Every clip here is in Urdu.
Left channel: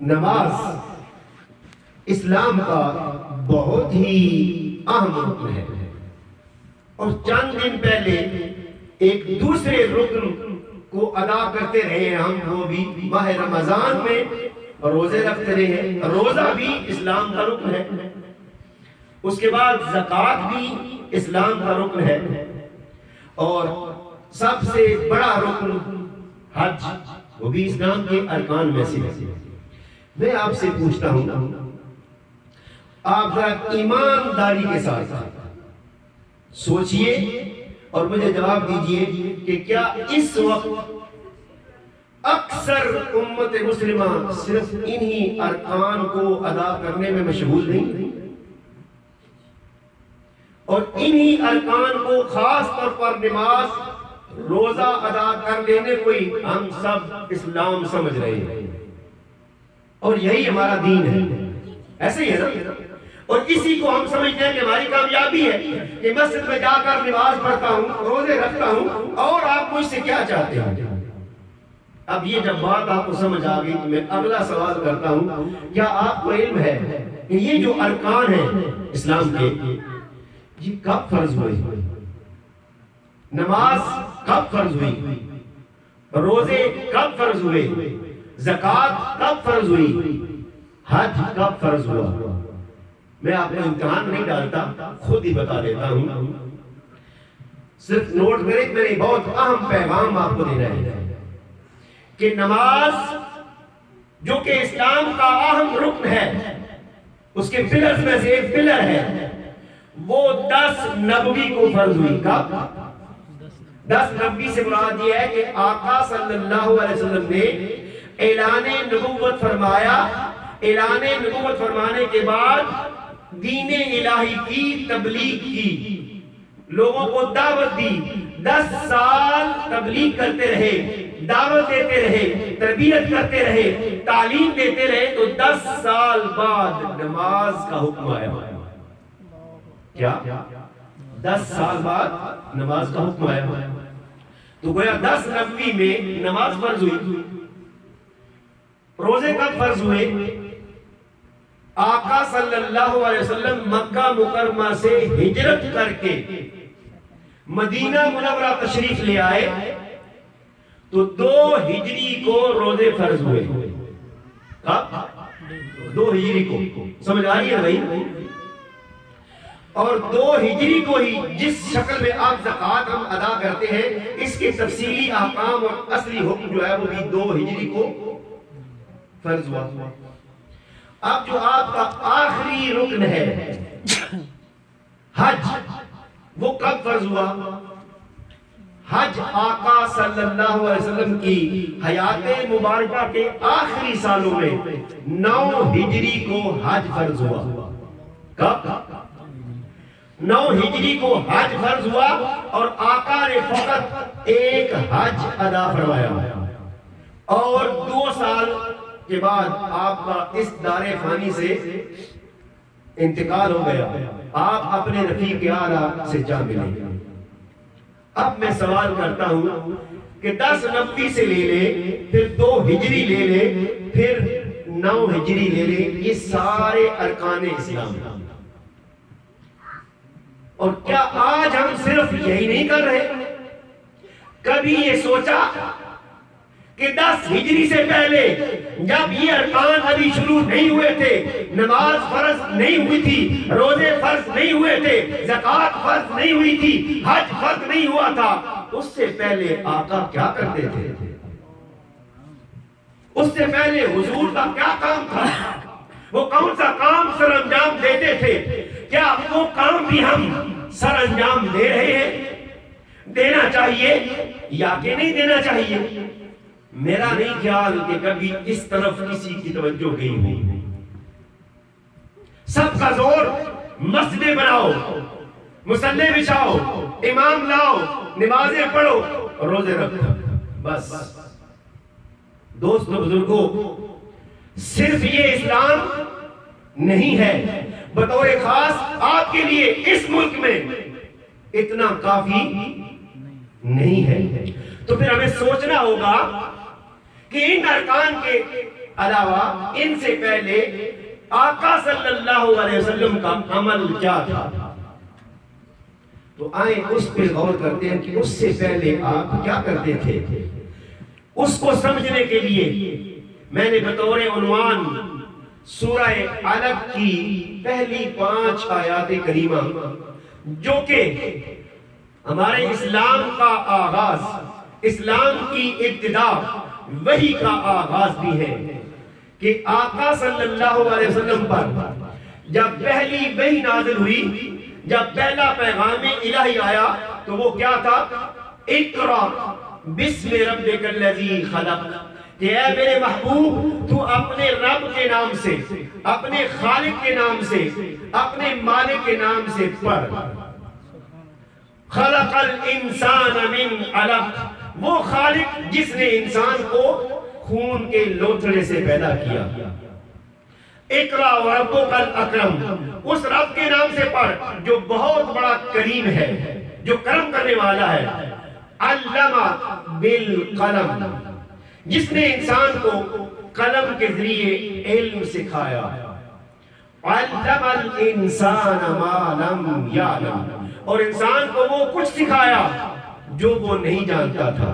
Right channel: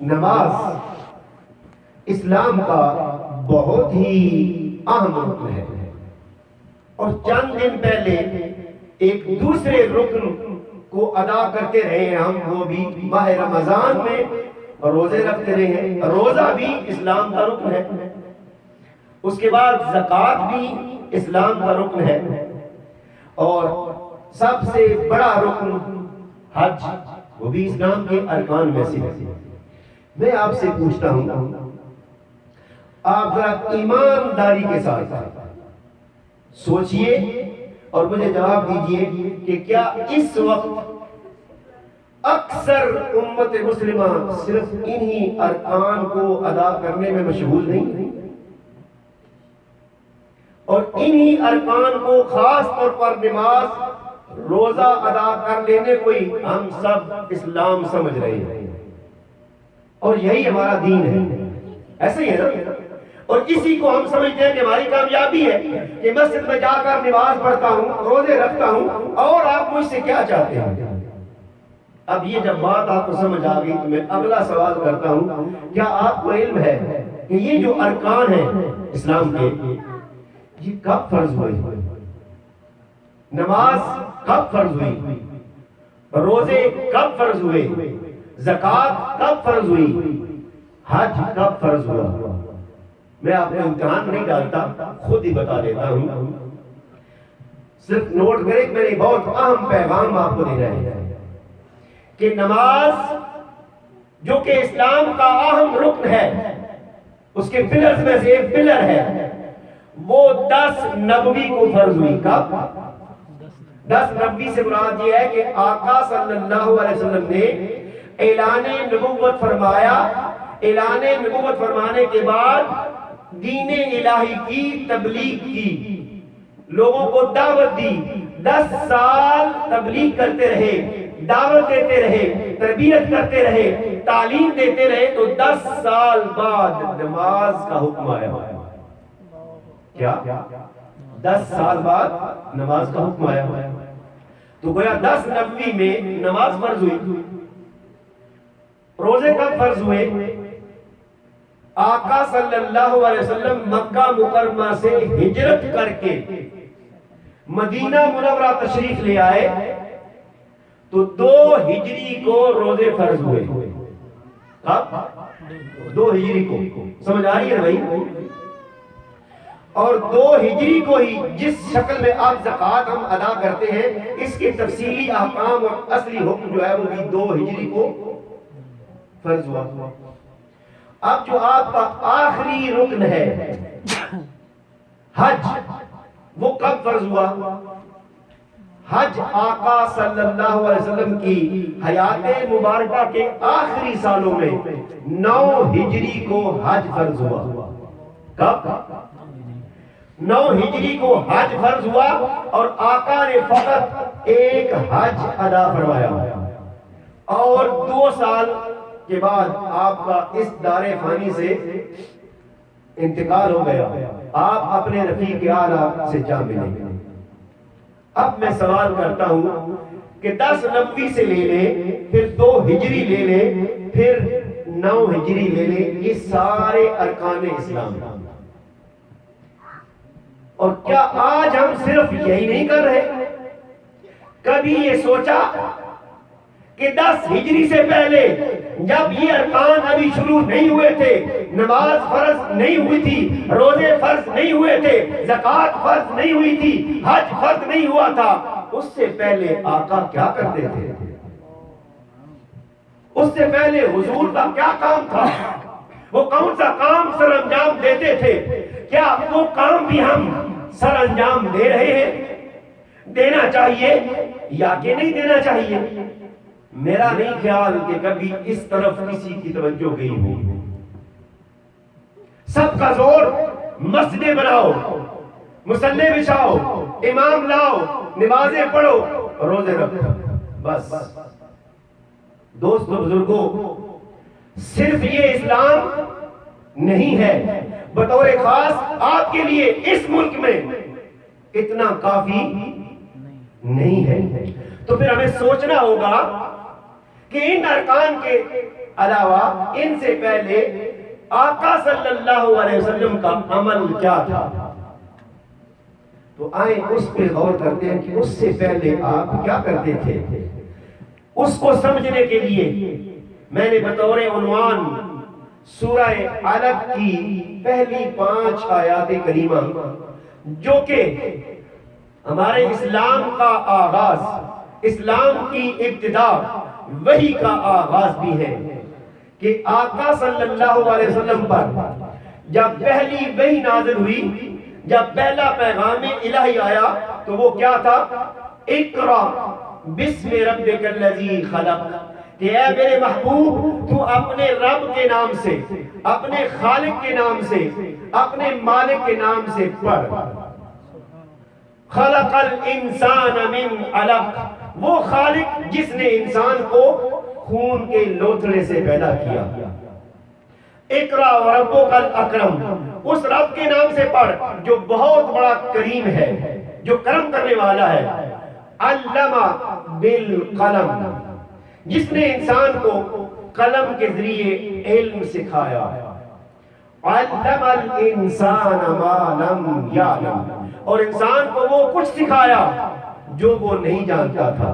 نماز اسلام کا بہت ہی اہم رکن ہے، اور چند دن پہلے ایک دوسرے رکن کو ادا کرتے رہے ہیں ہم، وہ بھی ماہ رمضان میں روزے رکھتے رہے ہیں۔ روزہ بھی اسلام کا رکن ہے، اس کے بعد زکوٰۃ بھی اسلام کا رکن ہے، اور سب سے بڑا رکن حج، وہ بھی اسلام کے ارکان میں سے ہے۔ میں آپ سے پوچھتا ہوں، آپ ذرا ایمانداری کے ساتھ سوچئے اور مجھے جواب دیجئے کہ کیا اس وقت اکثر امت مسلمہ صرف انہی ارکان کو ادا کرنے میں مشغول نہیں، اور انہی ارکان کو خاص طور پر نماز روزہ ادا کر لینے کو ہی ہم سب اسلام سمجھ رہے ہیں، اور یہی ہمارا دین ہے؟ ایسے ہی ہے نا؟ اور اسی کو ہم سمجھتے ہیں کہ ہماری کامیابی ہے کہ مسجد میں جا کر نماز پڑھتا ہوں، روزے رکھتا ہوں، اور آپ مجھ سے کیا چاہتے ہیں؟ اب یہ جب بات آپ کو سمجھ آ گئی تو میں اگلا سوال کرتا ہوں، کیا آپ کو علم ہے کہ یہ جو ارکان ہیں اسلام کے، یہ کب فرض ہوئی؟ نماز کب فرض ہوئی؟ روزے کب فرض ہوئے؟ زکوٰۃ کب فرض ہوئی؟ حج کب فرض ہوا؟ میں آپ کو امتحان نہیں ڈالتا، خود ہی بتا دیتا ہوں، صرف نوٹ کریں، میں نے بہت اہم پیغام آپ کو دینا ہے کہ نماز جو کہ اسلام کا اہم رکن ہے، اس کے پلرز میں سے ایک پلر ہے، وہ 10 نبوی کو فرض ہوئی۔ کب؟ 10 نبوی سے مراد یہ ہے کہ آقا صلی اللہ علیہ وسلم نے اعلان نبوت فرمایا، اعلان نبوت فرمانے کے بعد دین الہی کی تبلیغ کی، لوگوں کو دعوت دی، 10 سال تبلیغ کرتے رہے، دعوت دیتے رہے، تربیت کرتے رہے، تعلیم دیتے رہے، تو 10 سال بعد نماز کا حکم آیا۔ کیا؟ 10 سال بعد نماز کا حکم آیا، تو گویا 10 نبوی میں نماز فرض ہوئی۔ روزے کب فرض ہوئے؟ آقا صلی اللہ علیہ وسلم مکہ مکرمہ سے ہجرت کر کے مدینہ منورہ تشریف لے آئے تو 2 ہجری کو روزے فرض ہوئے۔ کب؟ 2 ہجری کو، سمجھ آ رہی ہے بھائی؟ اور 2 ہجری کو ہی جس شکل میں آپ زکوٰۃ ہم ادا کرتے ہیں، اس کے تفصیلی احکام اور اصلی حکم جو ہے وہ بھی 2 ہجری کو فرض ہوا۔ اب جو آپ کا آخری رکن ہے حج، وہ کب فرض ہوا؟ حج آقا صلی اللہ علیہ وسلم کی حیات مبارکہ کے آخری سالوں میں 9 ہجری کو حج فرض ہوا۔ کب؟ 9 ہجری کو حج فرض ہوا، اور آقا نے فقط ایک حج ادا فرمایا، اور 2 سال کے بعد آپ کا اس دار فانی سے انتقال ہو گیا، آپ اپنے رفیق اعلیٰ سے جا ملے۔ اب میں سوال کرتا ہوں کہ 10 نبوی سے لے لیں، پھر 2 ہجری لے لیں، پھر 9 ہجری لے لیں، یہ سارے ارکان اسلام ہیں، اور کیا آج ہم صرف یہی نہیں کر رہے؟ کبھی یہ سوچا کہ 10 ہجری سے پہلے جب یہ ارکان ابھی شروع نہیں ہوئے تھے، نماز فرض نہیں ہوئی تھی، روزے فرض نہیں ہوئے تھے، زکوٰۃ فرض نہیں ہوئی تھی، حج فرض نہیں ہوا تھا، اس سے پہلے آقا کیا کرتے تھے؟ اس سے پہلے حضور کا کیا کام تھا؟ وہ کون سا کام سر انجام دیتے تھے؟ کیا وہ کام بھی ہم سر انجام دے رہے ہیں؟ دینا چاہیے یا کہ نہیں دینا چاہیے؟ میرا نہیں خیال کہ کبھی اس طرف کسی کی توجہ گئی ہو۔ سب کا زور مسجدیں بناؤ، مصلی بچھاؤ، امام لاؤ، نمازیں پڑھو، روزے رکھو، بس۔ دوستو بزرگوں، صرف یہ اسلام نہیں ہے، بطور خاص آپ کے لیے اس ملک میں اتنا کافی نہیں ہے۔ تو پھر ہمیں سوچنا ہوگا کہ ان ارکان کے علاوہ ان سے پہلے آقا صلی اللہ علیہ وسلم کا عمل کیا تھا؟ تو آئیں اس پہ غور کرتے ہیں کہ اس سے پہلے آپ کیا کرتے تھے۔ اس کو سمجھنے کے لیے میں نے بطور عنوان سورہ علق کی پہلی 5 آیات کریمہ، جو کہ ہمارے اسلام کا آغاز، اسلام کی ابتدا، وحی کا آغاز بھی ہے، کہ آقا صلی اللہ علیہ وسلم پر جب پہلی وحی نازل ہوئی، جب پہلا پیغام الہی آیا تو وہ کیا تھا؟ اقرا بسم ربک الذی خلق، کہ اے میرے محبوب تو اپنے رب کے نام سے، اپنے خالق کے نام سے، اپنے مالک کے نام سے پڑھ۔ خلق الانسان من علق، وہ خالق جس نے انسان کو خون کے لوتھڑے سے پیدا کیا۔ اقرا وربک الاکرم، اس رب کے نام سے پڑھ جو بہت بڑا کریم ہے، جو کرم کرنے والا ہے۔ علم بالقلم، جس نے انسان کو قلم کے ذریعے علم سکھایا۔ علم الانسان ما لم یعلم، اور انسان کو وہ کچھ سکھایا جو وہ نہیں جانتا تھا۔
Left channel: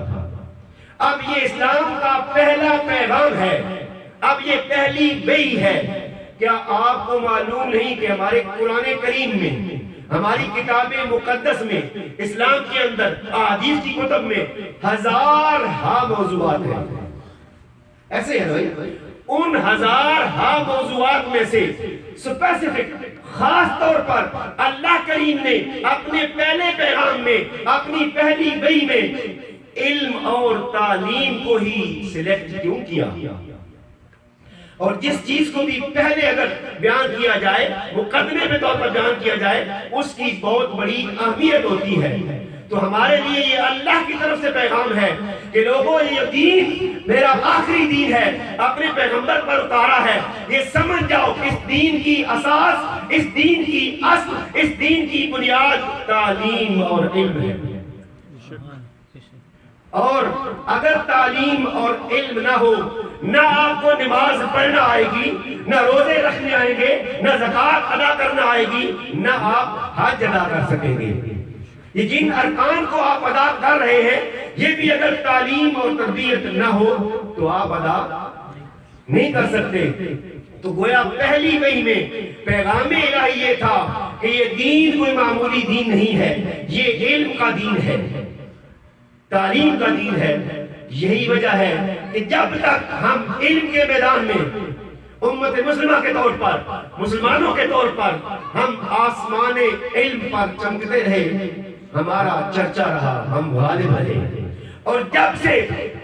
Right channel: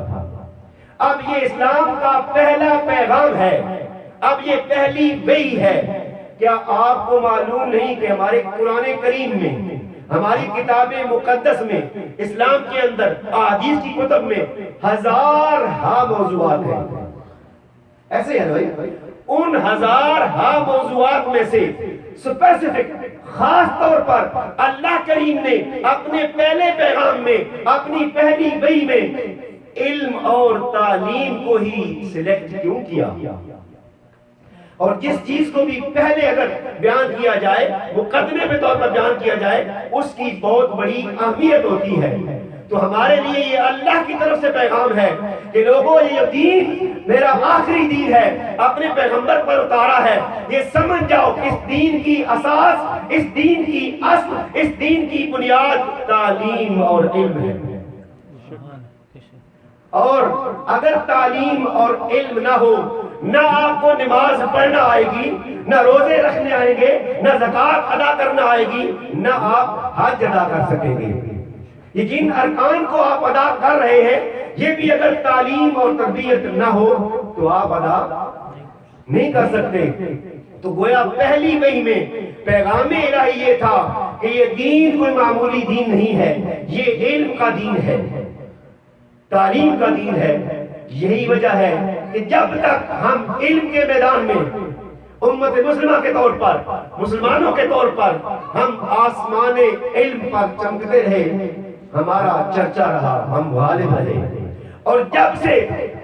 اب یہ اسلام کا پہلا پیغام ہے، اب یہ پہلی وحی ہے۔ کیا آپ کو معلوم نہیں کہ ہمارے قرآن کریم میں، ہماری کتاب مقدس میں، اسلام کے اندر، احادیث کی کتب میں 1000 موضوعات ہیں؟ ایسے ہے بھائی، ان 1000 موضوعات میں سے سپیسیفک، خاص طور پر اللہ کریم نے اپنے پہلے پیغام میں، اپنی پہلی وحی میں علم اور تعلیم کو ہی سلیکٹ کیوں کیا؟ اور جس چیز کو بھی پہلے اگر بیان کیا جائے، مقدمے پہ طور پر بیان کیا جائے، اس کی بہت بڑی اہمیت ہوتی ہے۔ تو ہمارے لیے یہ اللہ کی طرف سے پیغام ہے کہ لوگوں، یہ دین میرا آخری دین ہے، اپنے پیغمبر پر اتارا ہے، یہ سمجھ جاؤ کہ اس دین کی اساس، اس دین کی اصل، اس دین کی بنیاد تعلیم اور علم ہے۔ اور اگر تعلیم اور علم نہ ہو، نہ آپ کو نماز پڑھنا آئے گی، نہ روزے رکھنے آئیں گے، نہ زکوٰۃ ادا کرنا آئے گی، نہ آپ حج ادا کر سکیں گے۔ یہ جن ارکان کو آپ ادا کر رہے ہیں، یہ بھی اگر تعلیم اور تربیت نہ ہو تو آپ ادا نہیں کر سکتے۔ تو گویا پہلی وحی میں پیغام الہی یہ تھا کہ یہ دین کوئی معمولی دین نہیں ہے، یہ علم کا دین ہے، تعلیم کا دین ہے۔ یہی وجہ ہے کہ جب تک ہم علم کے میدان میں امت مسلمہ کے طور پر، مسلمانوں کے طور پر ہم آسمان علم پر چمکتے رہے، ہمارا چرچا رہا، ہم غالب رہے۔ اور جب سے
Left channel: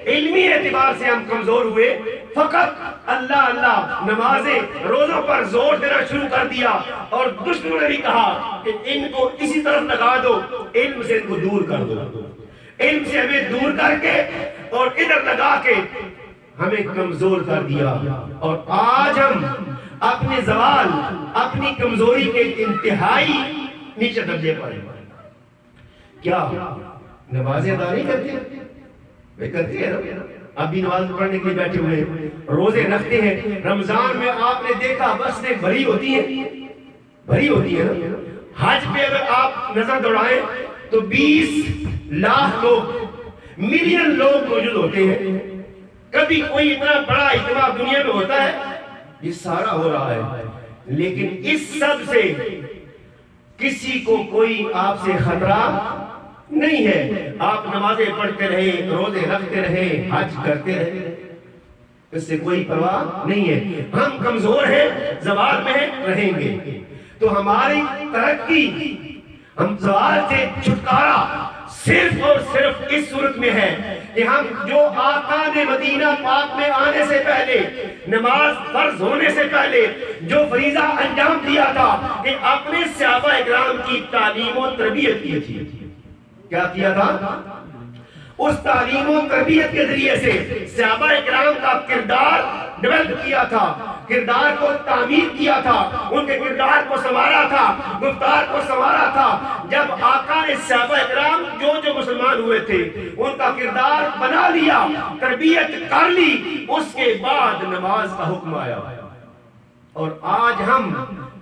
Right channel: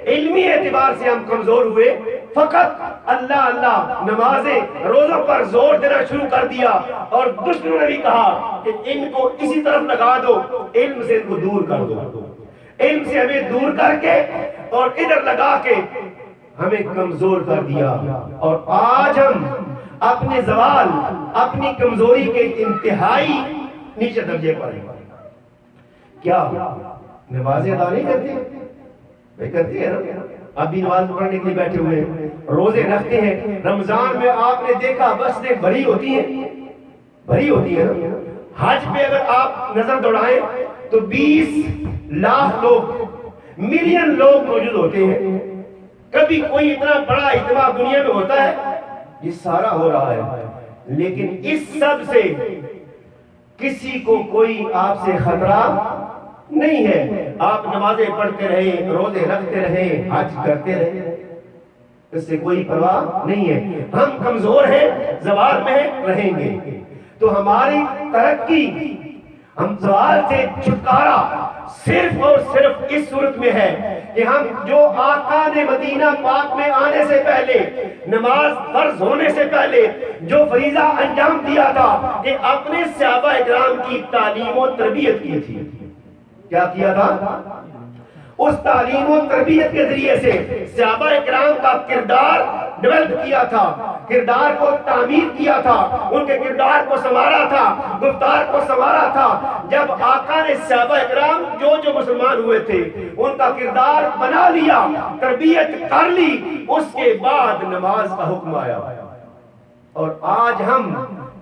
علمی اعتبار سے ہم کمزور ہوئے، فقط اللہ اللہ، نمازیں، روزوں پر زور دینا شروع کر دیا، اور دشمنوں نے بھی کہا کہ ان کو اسی طرف لگا دو، علم سے ان کو دور کر دو، علم سے ہمیں دور کر کے اور ادھر لگا کے ہمیں کمزور کر دیا۔ اور آج ہم اپنے زوال، اپنی کمزوری کے انتہائی نیچے درجے پر ہیں۔ کیا نمازیں ادا نہیں کرتے؟ بھائی کرتے ہیں نا، اب بھی نماز پڑھنے کے لیے بیٹھے ہوئے ہیں، روزے رکھتے ہیں۔ رمضان میں آپ نے دیکھا مسجدیں بھری ہوتی ہیں، بھری ہوتی ہے نا۔ حج پہ اگر آپ نظر دوڑائیں تو 20 لاکھ لوگ، ملین لوگ موجود ہوتے ہیں۔ کبھی کوئی اتنا بڑا اجتماع دنیا میں ہوتا ہے؟ یہ سارا ہو رہا ہے، لیکن اس سب سے کسی کو کوئی آپ سے خطرہ نہیں ہے۔ آپ نمازیں پڑھتے رہے، روزے رکھتے رہے، حج کرتے رہے، اس سے کوئی پرواہ نہیں ہے۔ ہم کمزور ہیں، زوال میں رہیں گے۔ تو ہماری ترقی، ہم زوال سے چھٹکارا صرف اور صرف اس صورت میں ہے کہ ہم جو آقا نے مدینہ پاک میں آنے سے پہلے، نماز فرض ہونے سے پہلے جو فریضہ انجام دیا تھا کہ اپنے صحابہ اکرام کی تعلیم و تربیت کی تھی، کیا کیا تھا؟ اس تعلیم و تربیت کے ذریعے سے صحابہ اکرام کا کردار ڈیولپ کیا تھا، کردار کو تعمیر کیا تھا، ان کے کردار کو سنوارا تھا، گفتار کو سنوارا تھا. جب آقا نے صحابہ اکرام جو مسلمان ہوئے تھے ان کا کردار بنا لیا، تربیت کر لی، اس کے بعد نماز کا حکم آیا. اور آج ہم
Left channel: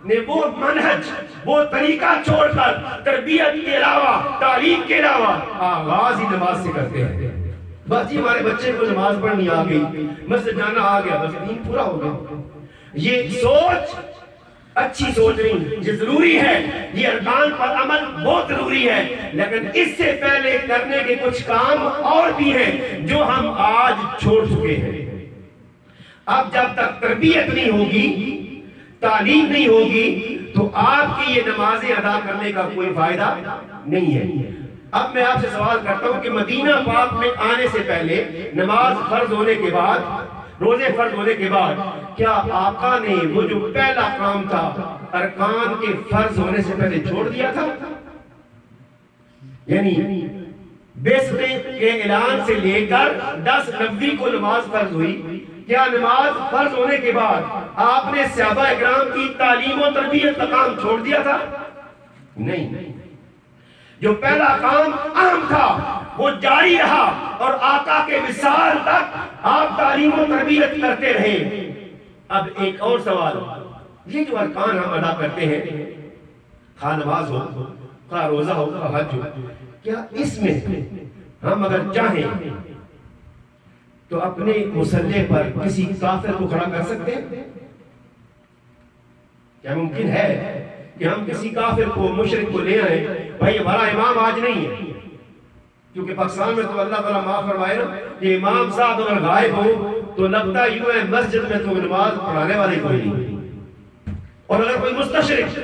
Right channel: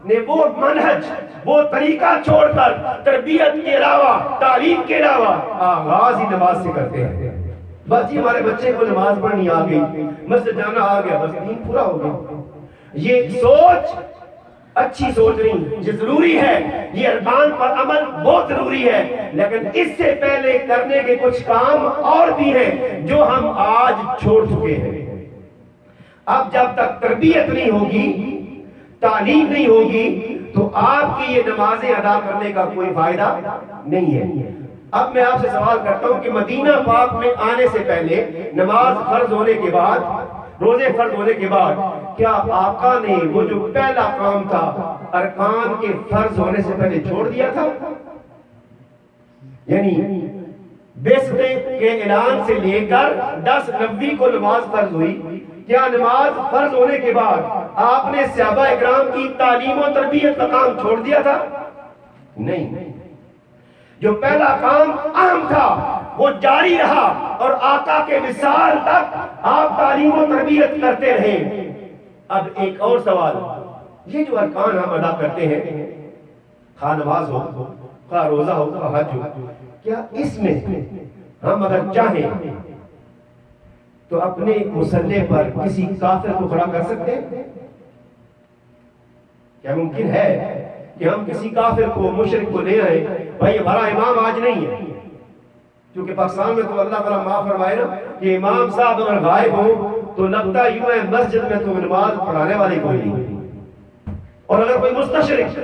نے وہ منہج، وہ طریقہ چھوڑ کر تربیت کے علاوہ، تعلیم کے علاوہ آغاز ہی نماز سے کرتے ہیں. بس جی ہمارے بچے کو نماز پڑھنی آ گئی، مسجد جانا آ گیا، بس دین پورا ہو گیا. یہ سوچ اچھی سوچ نہیں، یہ ضروری ہے، یہ ارکان پر عمل بہت ضروری ہے، لیکن اس سے پہلے کرنے کے کچھ کام اور بھی ہیں جو ہم آج چھوڑ چکے ہیں. اب جب تک تربیت نہیں ہوگی، تعلیم نہیں ہوگی، تو آپ کی یہ نمازیں ادا کرنے کا کوئی فائدہ نہیں ہے. اب میں آپ سے سوال کرتا ہوں کہ مدینہ پاک میں آنے سے پہلے، نماز فرض ہونے کے بعد، روزے فرض ہونے کے بعد، کیا آقا نے وہ جو پہلا کام تھا ارکان کے فرض ہونے سے پہلے چھوڑ دیا تھا؟ یعنی بیسٹ کے اعلان سے لے کر 10/90 کو نماز فرض ہوئی، کیا نماز فرض ہونے کے بعد آپ نے صحابہ اکرام کی تعلیم و تربیت کا کام چھوڑ دیا تھا؟ نہیں. جو پہلا کام اہم تھا وہ جاری رہا، اور آقا کے وصال تک آپ تعلیم و تربیت کرتے رہے. اب ایک اور سوال، یہ جو ارکان ہم ادا کرتے ہیں، خواہ نماز ہو، خواہ روزہ ہو، خواہ حج ہو، کیا اس میں ہم اگر چاہیں تو اپنے مصلی پر کسی کافر کو کھڑا کر سکتے ہیں؟ کیا ممکن ہے کہ ہم کسی کافر کو، مشرک کو لے آئیں، بھائی ہمارا امام آج نہیں ہے؟ کیونکہ پاکستان میں تو اللہ تعالیٰ معاف فرمائے نا کہ امام صاحب اگر غائب ہو تو لگتا یوں ہے مسجد میں تو نماز پڑھانے والے کوئی نہیں. اور اگر کوئی مستشرک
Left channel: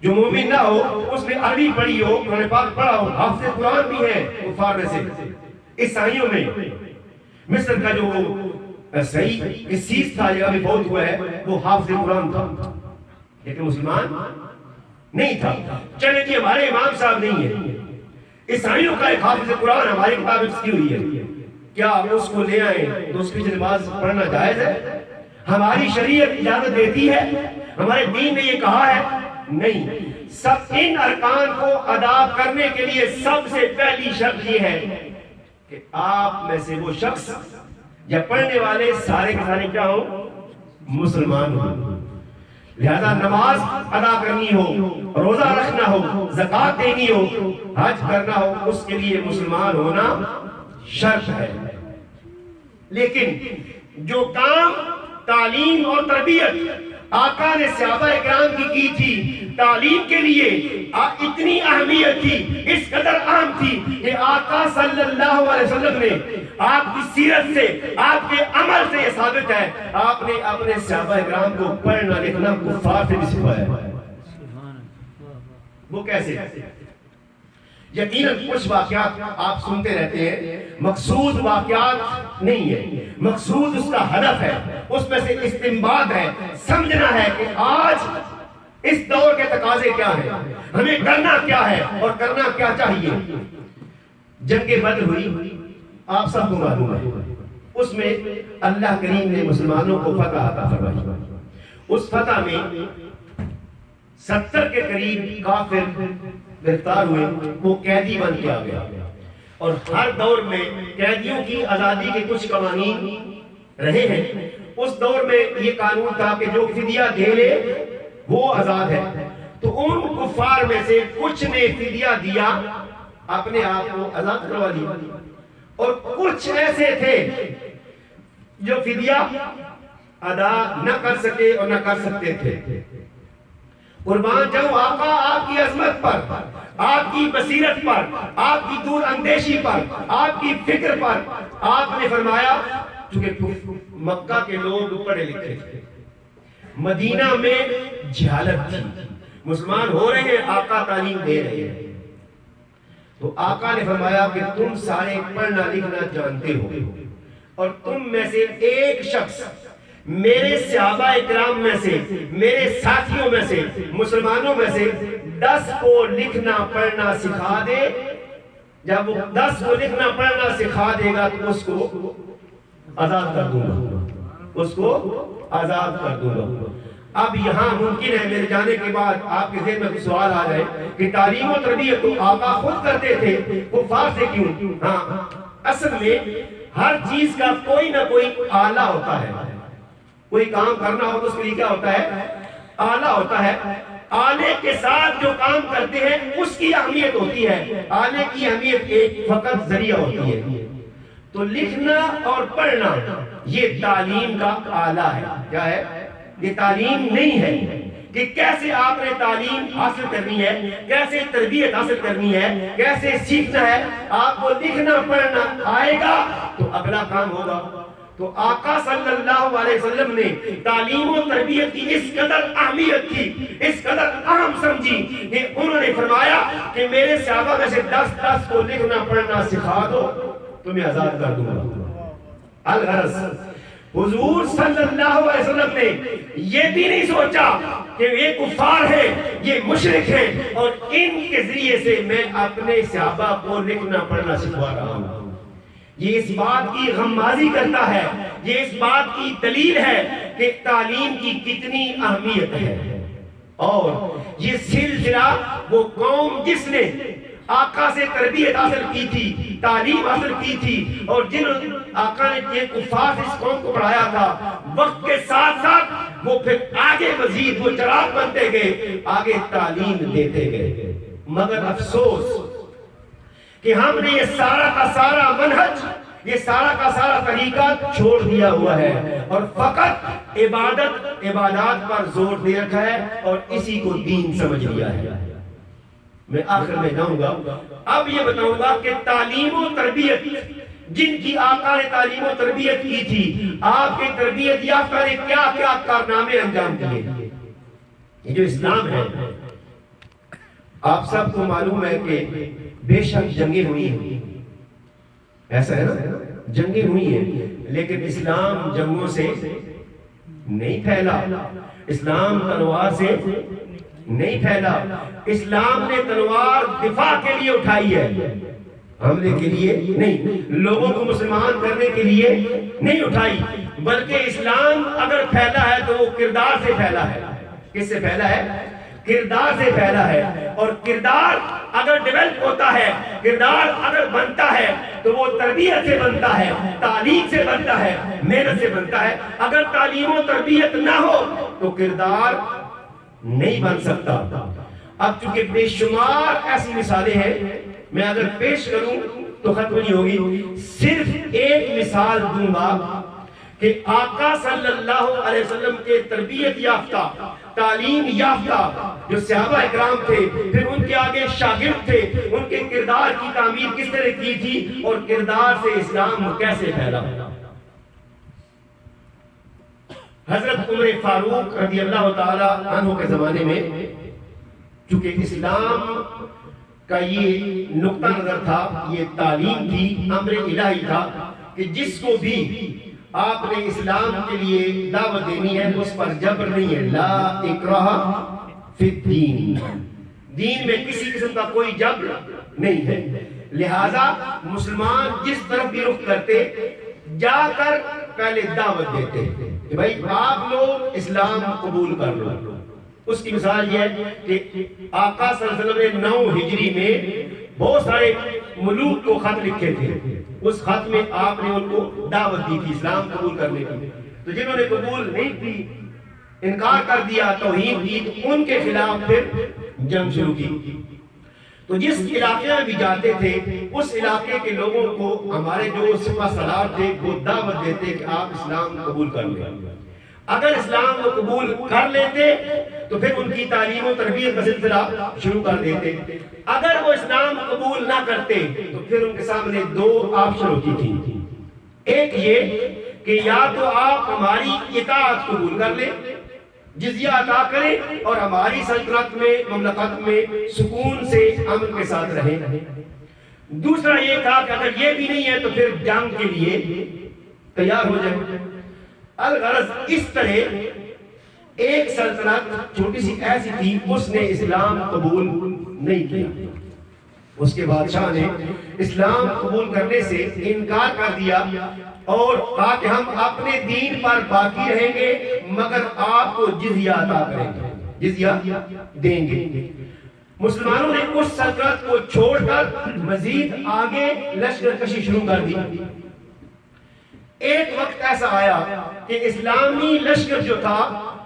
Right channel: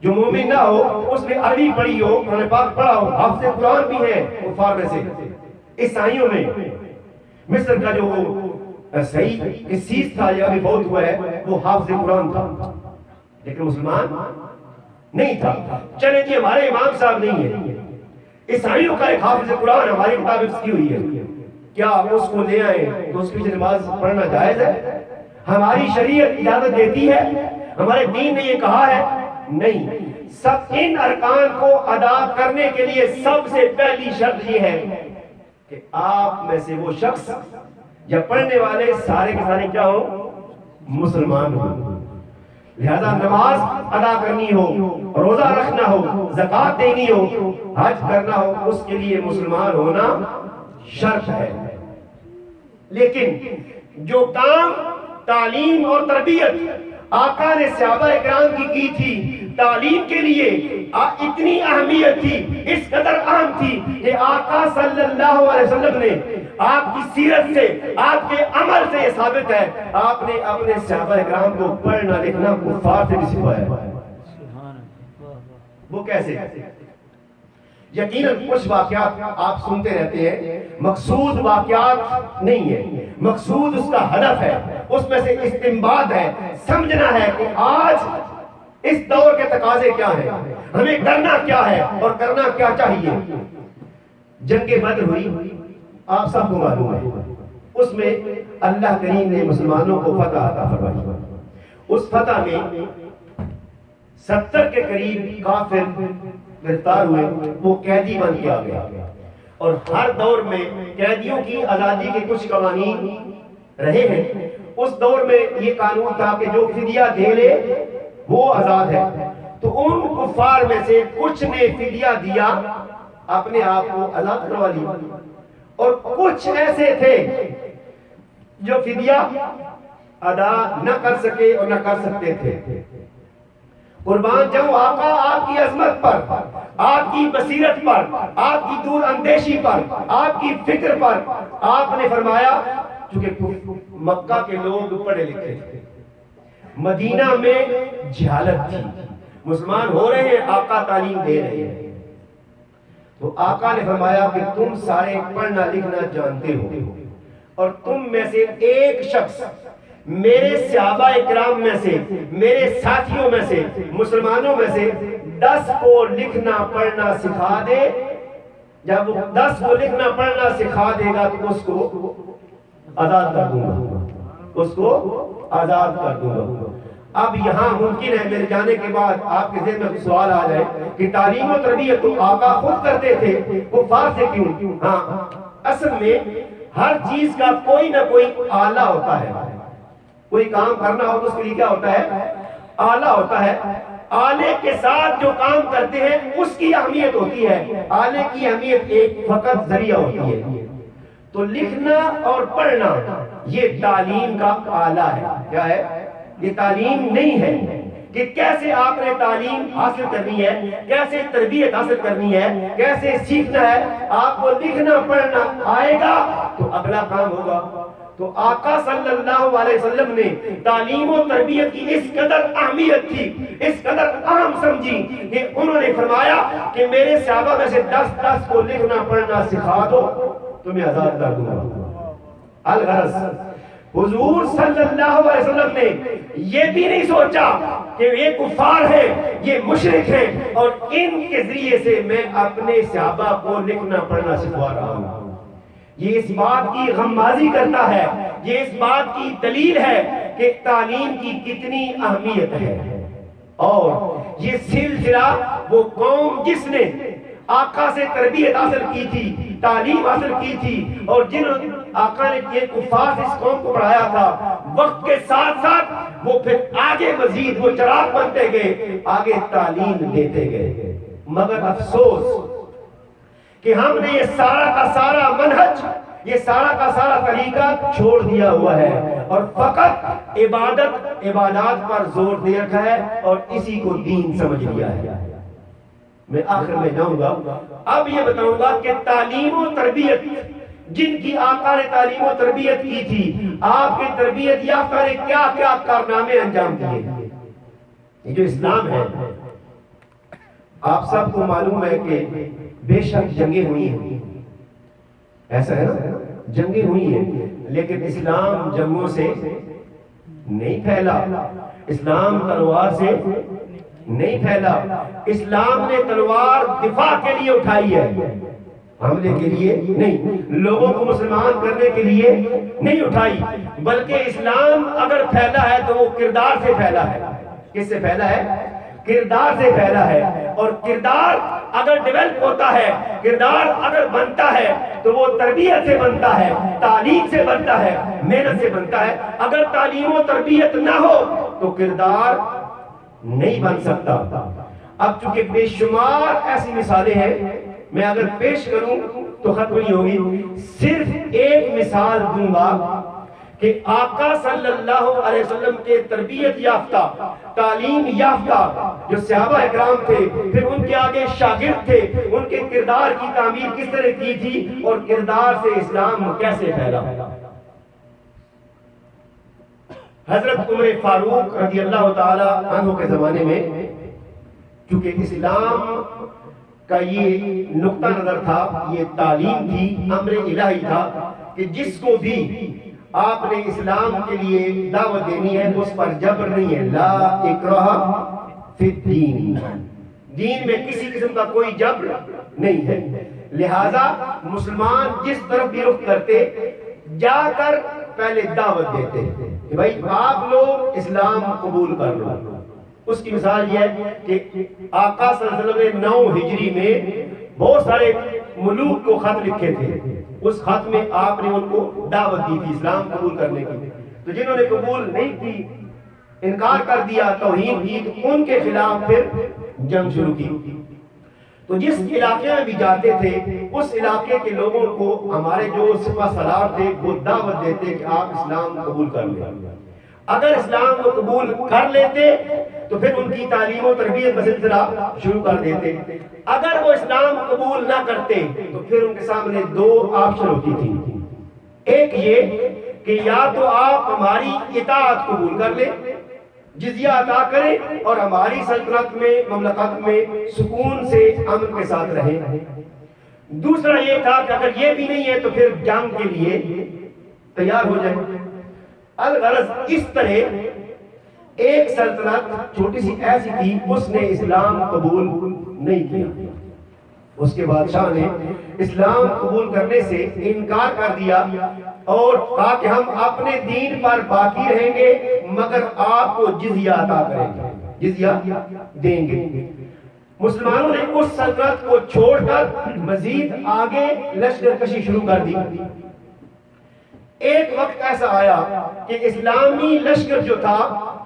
جو مومن نہ ہو، اس نے عربی پڑھی ہو، قرآن پاک پڑھا ہو، حافظ قرآن بھی ہے کفار میں سے، عیسائیوں میں مصر کا جو صحیح قسیس تھا یا بھی بہت ہوا ہے، وہ حافظ قرآن تھا لیکن مسلمان نہیں تھا. چلے جی ہمارے امام صاحب نہیں ہے، عیسائیوں کا ایک حافظ قرآن ہماری کتاب حفظ کی ہوئی ہے، کیا اس کو لے آئیں تو اس کی نماز پڑھنا جائز ہے؟ ہماری شریعت اجازت دیتی ہے؟ ہمارے دین نے یہ کہا ہے؟ نہیں. سب ان ارکان کو ادا کرنے کے لیے سب سے پہلی شرط یہ ہے کہ آپ میں سے وہ شخص یا پڑھنے والے سارے کے سارے کیا ہو؟ مسلمان ہو. لہذا نماز ادا کرنی ہو، روزہ رکھنا ہو، زکوٰۃ دینی ہو، حج کرنا ہو، اس کے لیے مسلمان ہونا شرط ہے. لیکن جو کام تعلیم اور تربیت آقا نے صحابہ اکرام کی تھی، تعلیم کے لیے اتنی اہمیت تھی، اس قدر اہم تھی کہ آقا صلی اللہ علیہ وسلم نے، آپ کی سیرت سے، آپ کے عمل سے یہ ثابت ہے، آپ نے اپنے صحابہ اکرام کو پڑھنا لکھنا کفار سے بھی سکھایا ہے. وہ کیسے؟ یقیناً کچھ واقعات آپ سنتے رہتے ہیں، مقصود واقعات نہیں ہے، مقصود اس کا ہدف ہے، اس میں سے استنباط ہے، سمجھنا ہے کہ آج اس دور کے تقاضے کیا ہیں، ہمیں کرنا کیا ہے اور کرنا کیا چاہیے. جنگ بدر ہوئی، آپ سب کو معلوم ہے، اس میں اللہ کریم نے مسلمانوں کو فتح عطا فرمائی. اس فتح میں 70 کے قریب کافر گرفتار ہوئے، وہ قیدی بن کے آ گیا. اور ہر دور میں قیدیوں کی آزادی کے کچھ قوانین رہے ہیں. اس دور میں یہ قانون تھا کہ جو فدیہ دے لے وہ آزاد ہے. تو ان کفار میں سے کچھ نے فدیہ دیا، اپنے آپ کو آزاد کروا لیا، اور کچھ ایسے تھے جو فدیہ ادا نہ کر سکے اور نہ کر سکتے تھے. قربان جاؤں آقا آپ کی عظمت پر، آپ کی بصیرت پر، آپ کی دور اندیشی پر، آپ کی فکر پر. آپ نے فرمایا، چونکہ مکہ کے لوگ پڑھے لکھے تھے، مدینہ میں جہالت تھی، مسلمان ہو رہے ہیں، آقا تعلیم دے رہے ہیں، تو آقا نے فرمایا کہ تم سارے پڑھنا لکھنا جانتے ہو، اور تم میں سے ایک شخص میرے صحابہ اکرام میں سے، میرے ساتھیوں میں سے، مسلمانوں میں سے 10 کو لکھنا پڑھنا سکھا دے. جب وہ 10 کو لکھنا پڑھنا سکھا دے گا تو اس کو آزاد کر دوں گا. اس کو آزاد کر دوں گا۔ اب یہاں ممکن ہے میرے جانے کے بعد آپ کے ذہن میں کچھ سوال آ جائے کہ تعلیم و تربیت تو آقا خود کرتے تھے، کفار سے کیوں؟ ہاں، اصل میں ہر چیز کا کوئی نہ کوئی آلہ ہوتا ہے۔ کوئی کام کرنا ہو تو اس کے لیے کیا ہوتا ہے؟ آلہ ہوتا ہے۔ آلے کے ساتھ جو کام کرتے ہیں اس کی اہمیت ہوتی ہے، آلے کی اہمیت ایک فقط ذریعہ ہوتی ہے۔ تو لکھنا اور پڑھنا یہ تعلیم کا آلہ ہے۔ کیا ہے؟ یہ تعلیم نہیں ہے کہ کیسے آپ نے تعلیم حاصل کرنی ہے، کیسے تربیت حاصل کرنی ہے، کیسے سیکھنا ہے۔ آپ کو لکھنا پڑھنا آئے گا تو اگلا کام ہوگا۔ تو آقا صلی اللہ علیہ وسلم نے تعلیم و تربیت کی اس قدر اہمیت تھی، اس قدر اہم سمجھی کہ انہوں نے فرمایا کہ میرے صحابہ میں سے 10 کو لکھنا پڑھنا سکھا دو تو میں آزاد کر دوں گا۔ الغرض حضور صلی اللہ علیہ وسلم نے یہ بھی نہیں سوچا کہ یہ کفار ہے، یہ مشرک ہے اور ان کے ذریعے سے میں اپنے صحابہ کو لکھنا پڑھنا سکھا رہا ہوں۔ یہ اس بات کی غمازی کرتا ہے، یہ اس بات کی دلیل ہے کہ تعلیم کی کتنی اہمیت ہے۔ اور یہ سلسلہ وہ قوم جس نے آقا سے تربیت حاصل کی تھی، تعلیم حاصل کی تھی، اور جنہوں آقا نے یہ کفار سے اس قوم کو پڑھایا تھا، وقت کے ساتھ ساتھ وہ پھر آگے مزید وہ چراغ بنتے گئے، آگے تعلیم دیتے گئے۔ مگر افسوس کہ ہم نے یہ سارا کا سارا منہج، یہ سارا کا سارا طریقہ چھوڑ دیا ہوا ہے اور فقط عبادات پر زور دے رکھا ہے اور اسی کو دین سمجھ لیا ہے۔ میں آخر میں جاؤں گا، اب یہ بتاؤں گا کہ تعلیم و تربیت جن کی آقا نے تعلیم و تربیت کی تھی، آپ کی تربیت یافتہ نے کیا کیا کارنامے انجام دیے۔ یہ جو اسلام ہے، آپ سب کو معلوم ہے کہ بے شک جنگیں ہوئی ہیں، ایسا ہے نا، جنگیں ہوئی ہیں، لیکن اسلام جنگوں سے نہیں پھیلا، اسلام تلوار سے نہیں پھیلا۔ اسلام نے تلوار دفاع کے لیے اٹھائی ہے، حملے کے لیے نہیں، لوگوں کو مسلمان کرنے کے لیے نہیں اٹھائی، بلکہ اسلام اگر پھیلا ہے تو وہ کردار سے پھیلا ہے۔ کس سے پھیلا ہے؟ کردار سے پھیلا ہے۔ اور کردار اگر ڈیولپ ہوتا ہے، کردار اگر بنتا ہے تو وہ تربیت سے بنتا ہے، تعلیم سے بنتا ہے، محنت سے بنتا ہے۔ اگر تعلیم و تربیت نہ ہو تو کردار نہیں بن سکتا۔ اب چونکہ بے شمار ایسی مثالیں ہیں، میں اگر پیش کروں تو ختم نہیں ہوگی۔ صرف ایک مثال دوں گا کہ آقا صلی اللہ علیہ وسلم کے تربیت یافتہ، تعلیم یافتہ جو صحابہ اکرام تھے، پھر ان کے آگے شاگرد تھے، ان کے کردار کی تعمیر کس طرح کی تھی اور کردار سے اسلام کیسے پھیلا۔ حضرت عمر فاروق رضی اللہ تعالی عنہ کے زمانے میں چونکہ اسلام کا یہ نقطہ نظر تھا، یہ تعلیم تھی، امر الہی تھا کہ جس کو بھی آپ نے اسلام کے لیے دعوت دینی ہے اس پر جبر نہیں ہے، لا اکراہ فی الدین، دین میں کسی قسم کا کوئی جبر نہیں ہے۔ لہذا مسلمان جس طرف بھی رخ کرتے، جا کر پہلے دعوت دیتے کہ بھائی آپ لوگ اسلام قبول کر لو۔ اس کی مثال یہ ہے کہ آقا صلی اللہ علیہ وسلم نے 9 ہجری میں بہت سارے ملوک کو خط لکھے تھے، اس خط میں آپ نے ان کو دعوت دی تھی اسلام قبول کرنے کی۔ تو جنہوں نے قبول نہیں کی، انکار کر دیا، توہین کی، تو ان کے خلاف پھر جنگ شروع کی۔ تو جس علاقے میں بھی جاتے تھے اس علاقے کے لوگوں کو ہمارے جو سپہ سالار تھے وہ دعوت دیتے کہ آپ اسلام قبول کر لیں۔ اگر اسلام کو قبول کر لیتے تو پھر ان کی تعلیم و تربیت کا سلسلہ شروع کر دیتے۔ اگر وہ اسلام قبول نہ کرتے تو پھر ان کے سامنے 2 آپشن ہوتی تھی۔ ایک یہ کہ یا تو آپ ہماری اطاعت قبول کر لیں، جزیہ عطا کریں اور ہماری سلطنت میں، مملکت میں سکون سے امن کے ساتھ رہیں۔ دوسرا یہ تھا کہ اگر یہ بھی نہیں ہے تو پھر جنگ کے لیے تیار ہو جائیں۔ الغرض اس طرح ایک سلطنت چھوٹی سی ایسی تھی، اس نے اسلام قبول نہیں کیا۔ اس کے بادشاہ نے اسلام قبول کرنے سے انکار کر دیا اور کہا کہ ہم اپنے دین پر باقی رہیں گے مگر آپ کو جزیہ عطا کریں گے، جزیہ دیں گے۔ مسلمانوں نے اس سلطنت کو چھوڑ کر مزید آگے لشکر کشی شروع کر دی۔ ایک وقت ایسا آیا کہ اسلامی لشکر جو تھا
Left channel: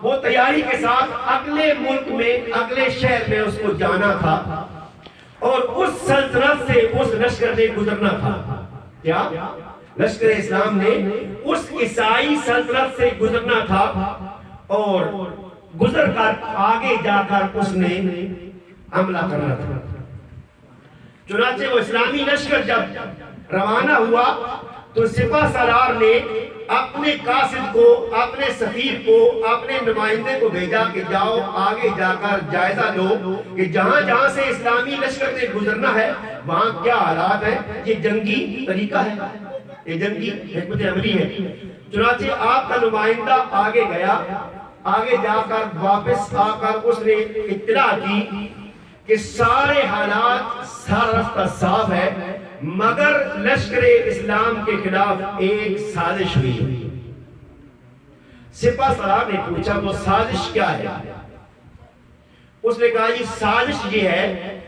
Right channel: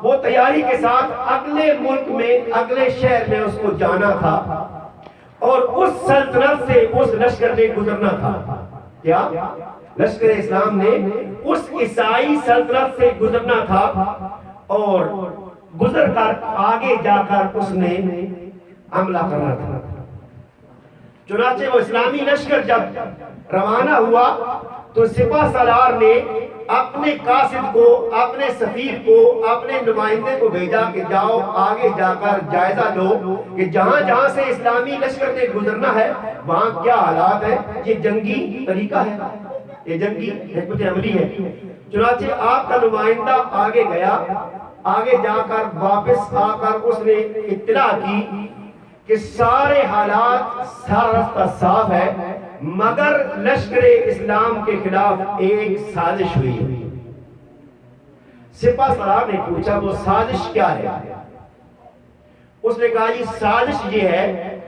وہ تیاری کے ساتھ اگلے ملک میں، اگلے شہر میں اس کو جانا تھا اور اس سلطنت سے اس لشکر نے گزرنا تھا۔ کیا؟ لشکر اسلام نے اس عیسائی سلطنت سے گزرنا تھا اور گزر کر آگے جا کر اس نے حملہ کرنا تھا۔ چنانچہ وہ اسلامی لشکر جب روانہ ہوا تو سپہ سالار نے اپنے قاصد کو، اپنے سفیر کو، اپنے نمائندے کو بھیجا کہ جاؤ آگے جا کر جائزہ لو کہ جہاں جہاں سے اسلامی لشکر نے گزرنا ہے وہاں کیا حالات ہیں۔ یہ جنگی طریقہ ہے، یہ جنگی حکمت عملی ہے۔ چنانچہ آپ کا نمائندہ آگے گیا، آگے جا کر واپس آ کر اس نے اطلاع کی کہ سارے حالات، سارا راستہ صاف ہے مگر لشکر اسلام کے خلاف ایک سازش ہوئی ہے۔ سپہ سالار نے پوچھا وہ سازش کیا ہے؟ اس نے کہا یہ سازش یہ ہے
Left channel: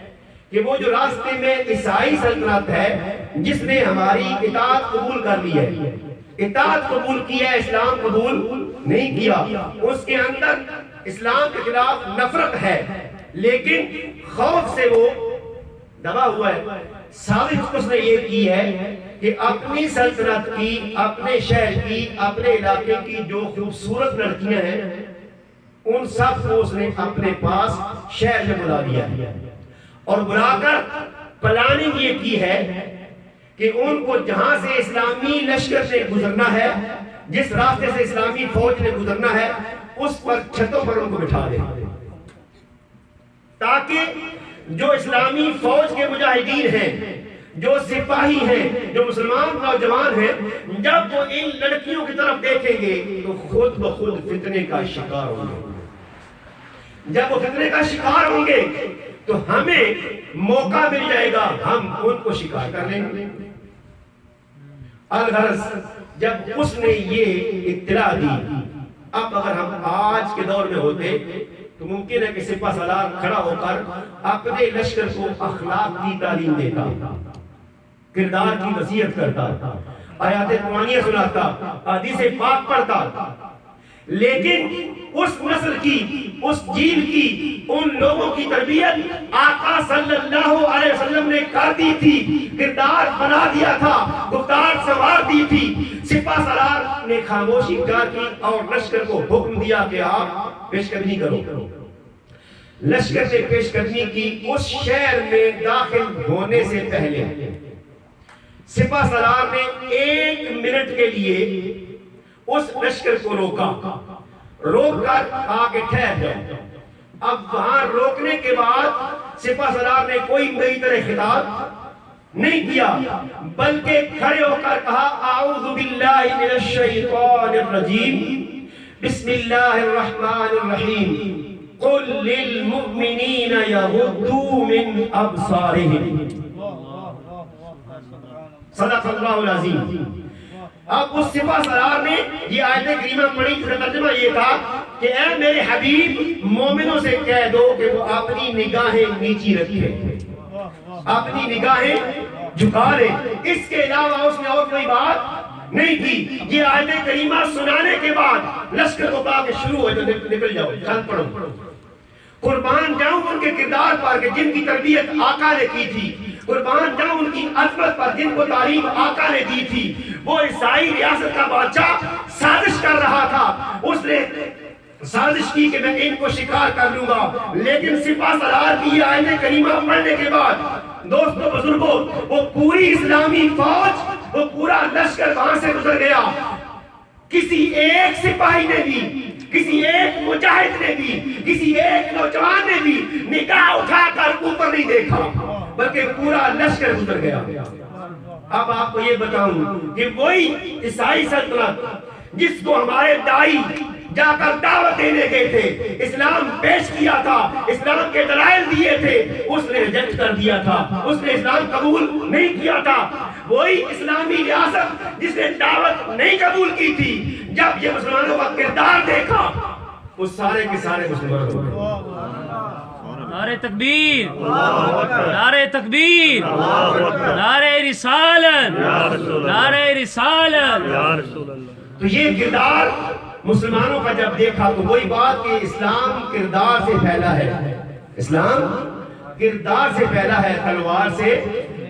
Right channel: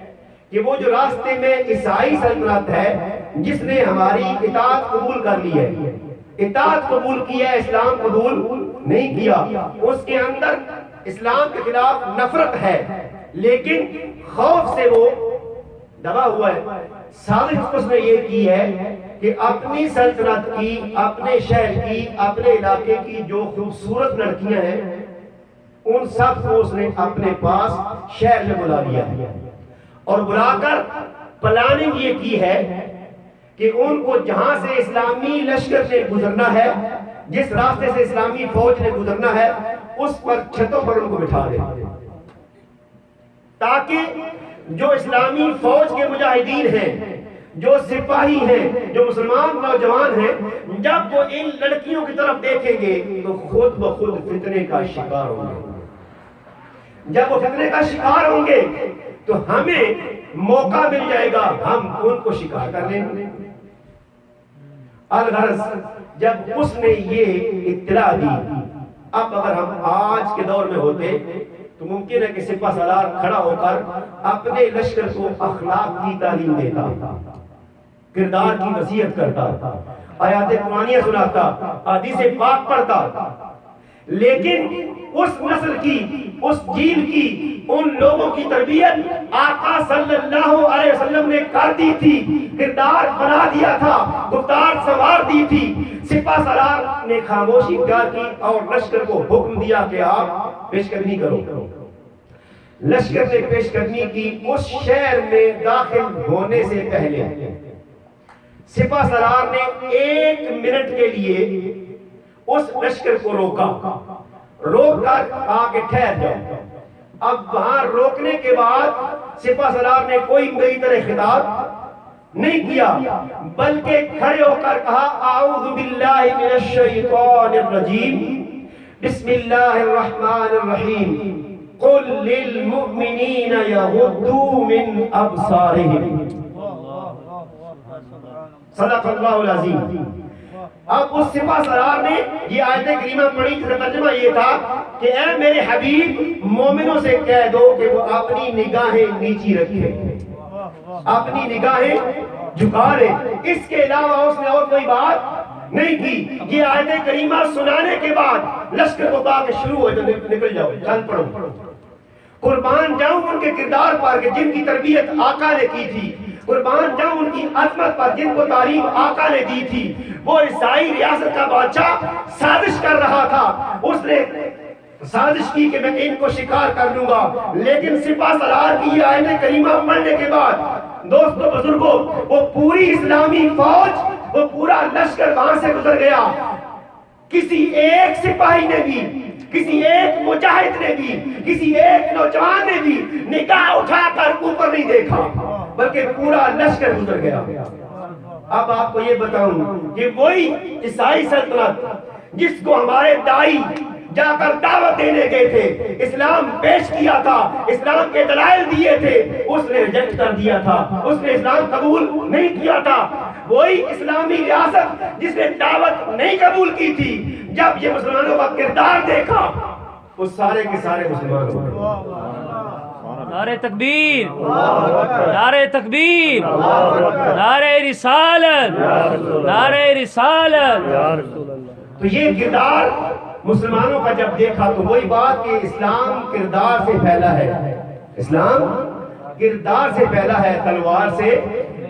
کہ وہ جو راستے میں عیسائی سلطنت ہے جس نے ہماری اطاعت قبول کر لی ہے، اطاعت قبول کیا، اسلام قبول نہیں کیا، اس کے اندر اسلام کے خلاف نفرت ہے لیکن خوف سے وہ دبا ہوا ہے۔ سازش اس نے یہ کی ہے کہ اپنی سلطنت کی، اپنے شہر کی، اپنے علاقے کی جو خوبصورت لڑکیاں ہیں ان سب کو اس نے اپنے پاس شہر میں بلا لیا ہے اور بلا کر پلاننگ یہ کی ہے کہ ان کو جہاں سے اسلامی لشکر سے گزرنا ہے، جس راستے سے اسلامی فوج نے گزرنا ہے اس پر چھتوں پر ان کو بٹھا دے تاکہ جو اسلامی فوج کے مجاہدین ہیں، جو سپاہی ہیں، جو مسلمان نوجوان ہیں، جب وہ ان لڑکیوں کی طرف دیکھیں گے تو خود بخود فتنے کا شکار ہوں گے۔ جب وہ فتنے کا شکار ہوں گے تو ہمیں موقع مل جائے گا، ہم ان کو شکار کر لیں گے۔ الغرض جب اس نے یہ اطلاع دی، اب اگر ہم آج کے دور میں ہوتے تو ممکن ہے کہ سپہ سالار کھڑا ہو کر اپنے لشکر کو اخلاق کی تعلیم دیتا، کردار کی نصیحت کرتا، آیات قرآنیہ سناتا، حدیث پاک پڑھتا، لیکن اس نسل کی، اس جیل کی، ان لوگوں کی تربیت آقا صلی اللہ علیہ وسلم نے کر دی تھی، کردار بنا دیا تھا، گفتار سنوار دی تھی۔ سپہ سالار نے خاموشی اختیار کی اور لشکر کو حکم دیا کہ آپ پیش قدمی کرو۔ لشکر نے پیش قدمی کی۔ اس شہر میں داخل ہونے سے پہلے سپہ سالار نے 1 منٹ کے لیے اس لشکر کو روکا، روک کر کہا کہ ٹھہر جاؤ۔ اب وہاں روکنے کے بعد سپہ سالار نے کوئی نئی طرح خطاب نہیں کیا بلکہ کھڑے ہو کر کہا اعوذ باللہ من الشیطان الرجیم، بسم اللہ الرحمن الرحیم، قل للمؤمنین یغضوا من ابصارہم، صدق اللہ العظیم۔ اب اس سپہ سالار نے یہ آیت کریمہ پڑھی جس کا ترجمہ یہ تھا کہ اے میرے حبیب مومنوں سے کہہ دو کہ وہ اپنی نگاہیں نیچی رکھیں، اپنی نگاہیں جھکا لیں۔ اس کے علاوہ اس نے اور کوئی بات نہیں کی۔ یہ آیت کریمہ سنانے کے بعد لشکر کو کہا کہ شروع ہو جاؤ، نکل جاؤ، چل پڑو۔ قربان جاؤں ان کے کردار پر کہ جن کی تربیت آقا نے کی تھی، قربان جاؤں ان کی عظمت پر جن کو تعلیم آقا نے دی تھی۔ وہ عیسائی ریاست کا بادشاہ سازش کر رہا تھا، اس نے سازش کی کہ میں ان کو شکار کر لوں گا، لیکن سپہ سالار کی یہ آیت کریمہ پڑھنے کے بعد دوستو بزرگوں، وہ پوری اسلامی فوج، وہ پورا لشکر وہاں سے گزر گیا۔ کسی ایک سپاہی نے بھی، کسی ایک مجاہد نے بھی، کسی ایک نوجوان نے بھی نگاہ اٹھا کر اوپر نہیں دیکھا بلکہ پورا لشکر گزر گیا۔ اب آپ کو یہ بتاؤں کہ وہی عیسائی سلطنت جس کو ہمارے دائی جا کر دعوت دینے گئے تھے، اسلام پیش کیا تھا، اسلام کے دلائل دیے تھے، اس نے ریجیکٹ کر دیا تھا، اس نے اسلام قبول نہیں کیا تھا۔ وہی اسلامی ریاست جس نے دعوت نہیں قبول کی تھی، جب یہ مسلمانوں کا کردار دیکھا وہ سارے کے سارے مسلمان ہو گئے۔ نعرہ تکبیر، نعرہ تکبیر، نعرہ رسالت، نعرہ رسالت۔ تو یہ کردار مسلمانوں کا جب دیکھا تو وہی بات کہ اسلام کردار سے پھیلا ہے، اسلام کردار سے پھیلا ہے، تلوار سے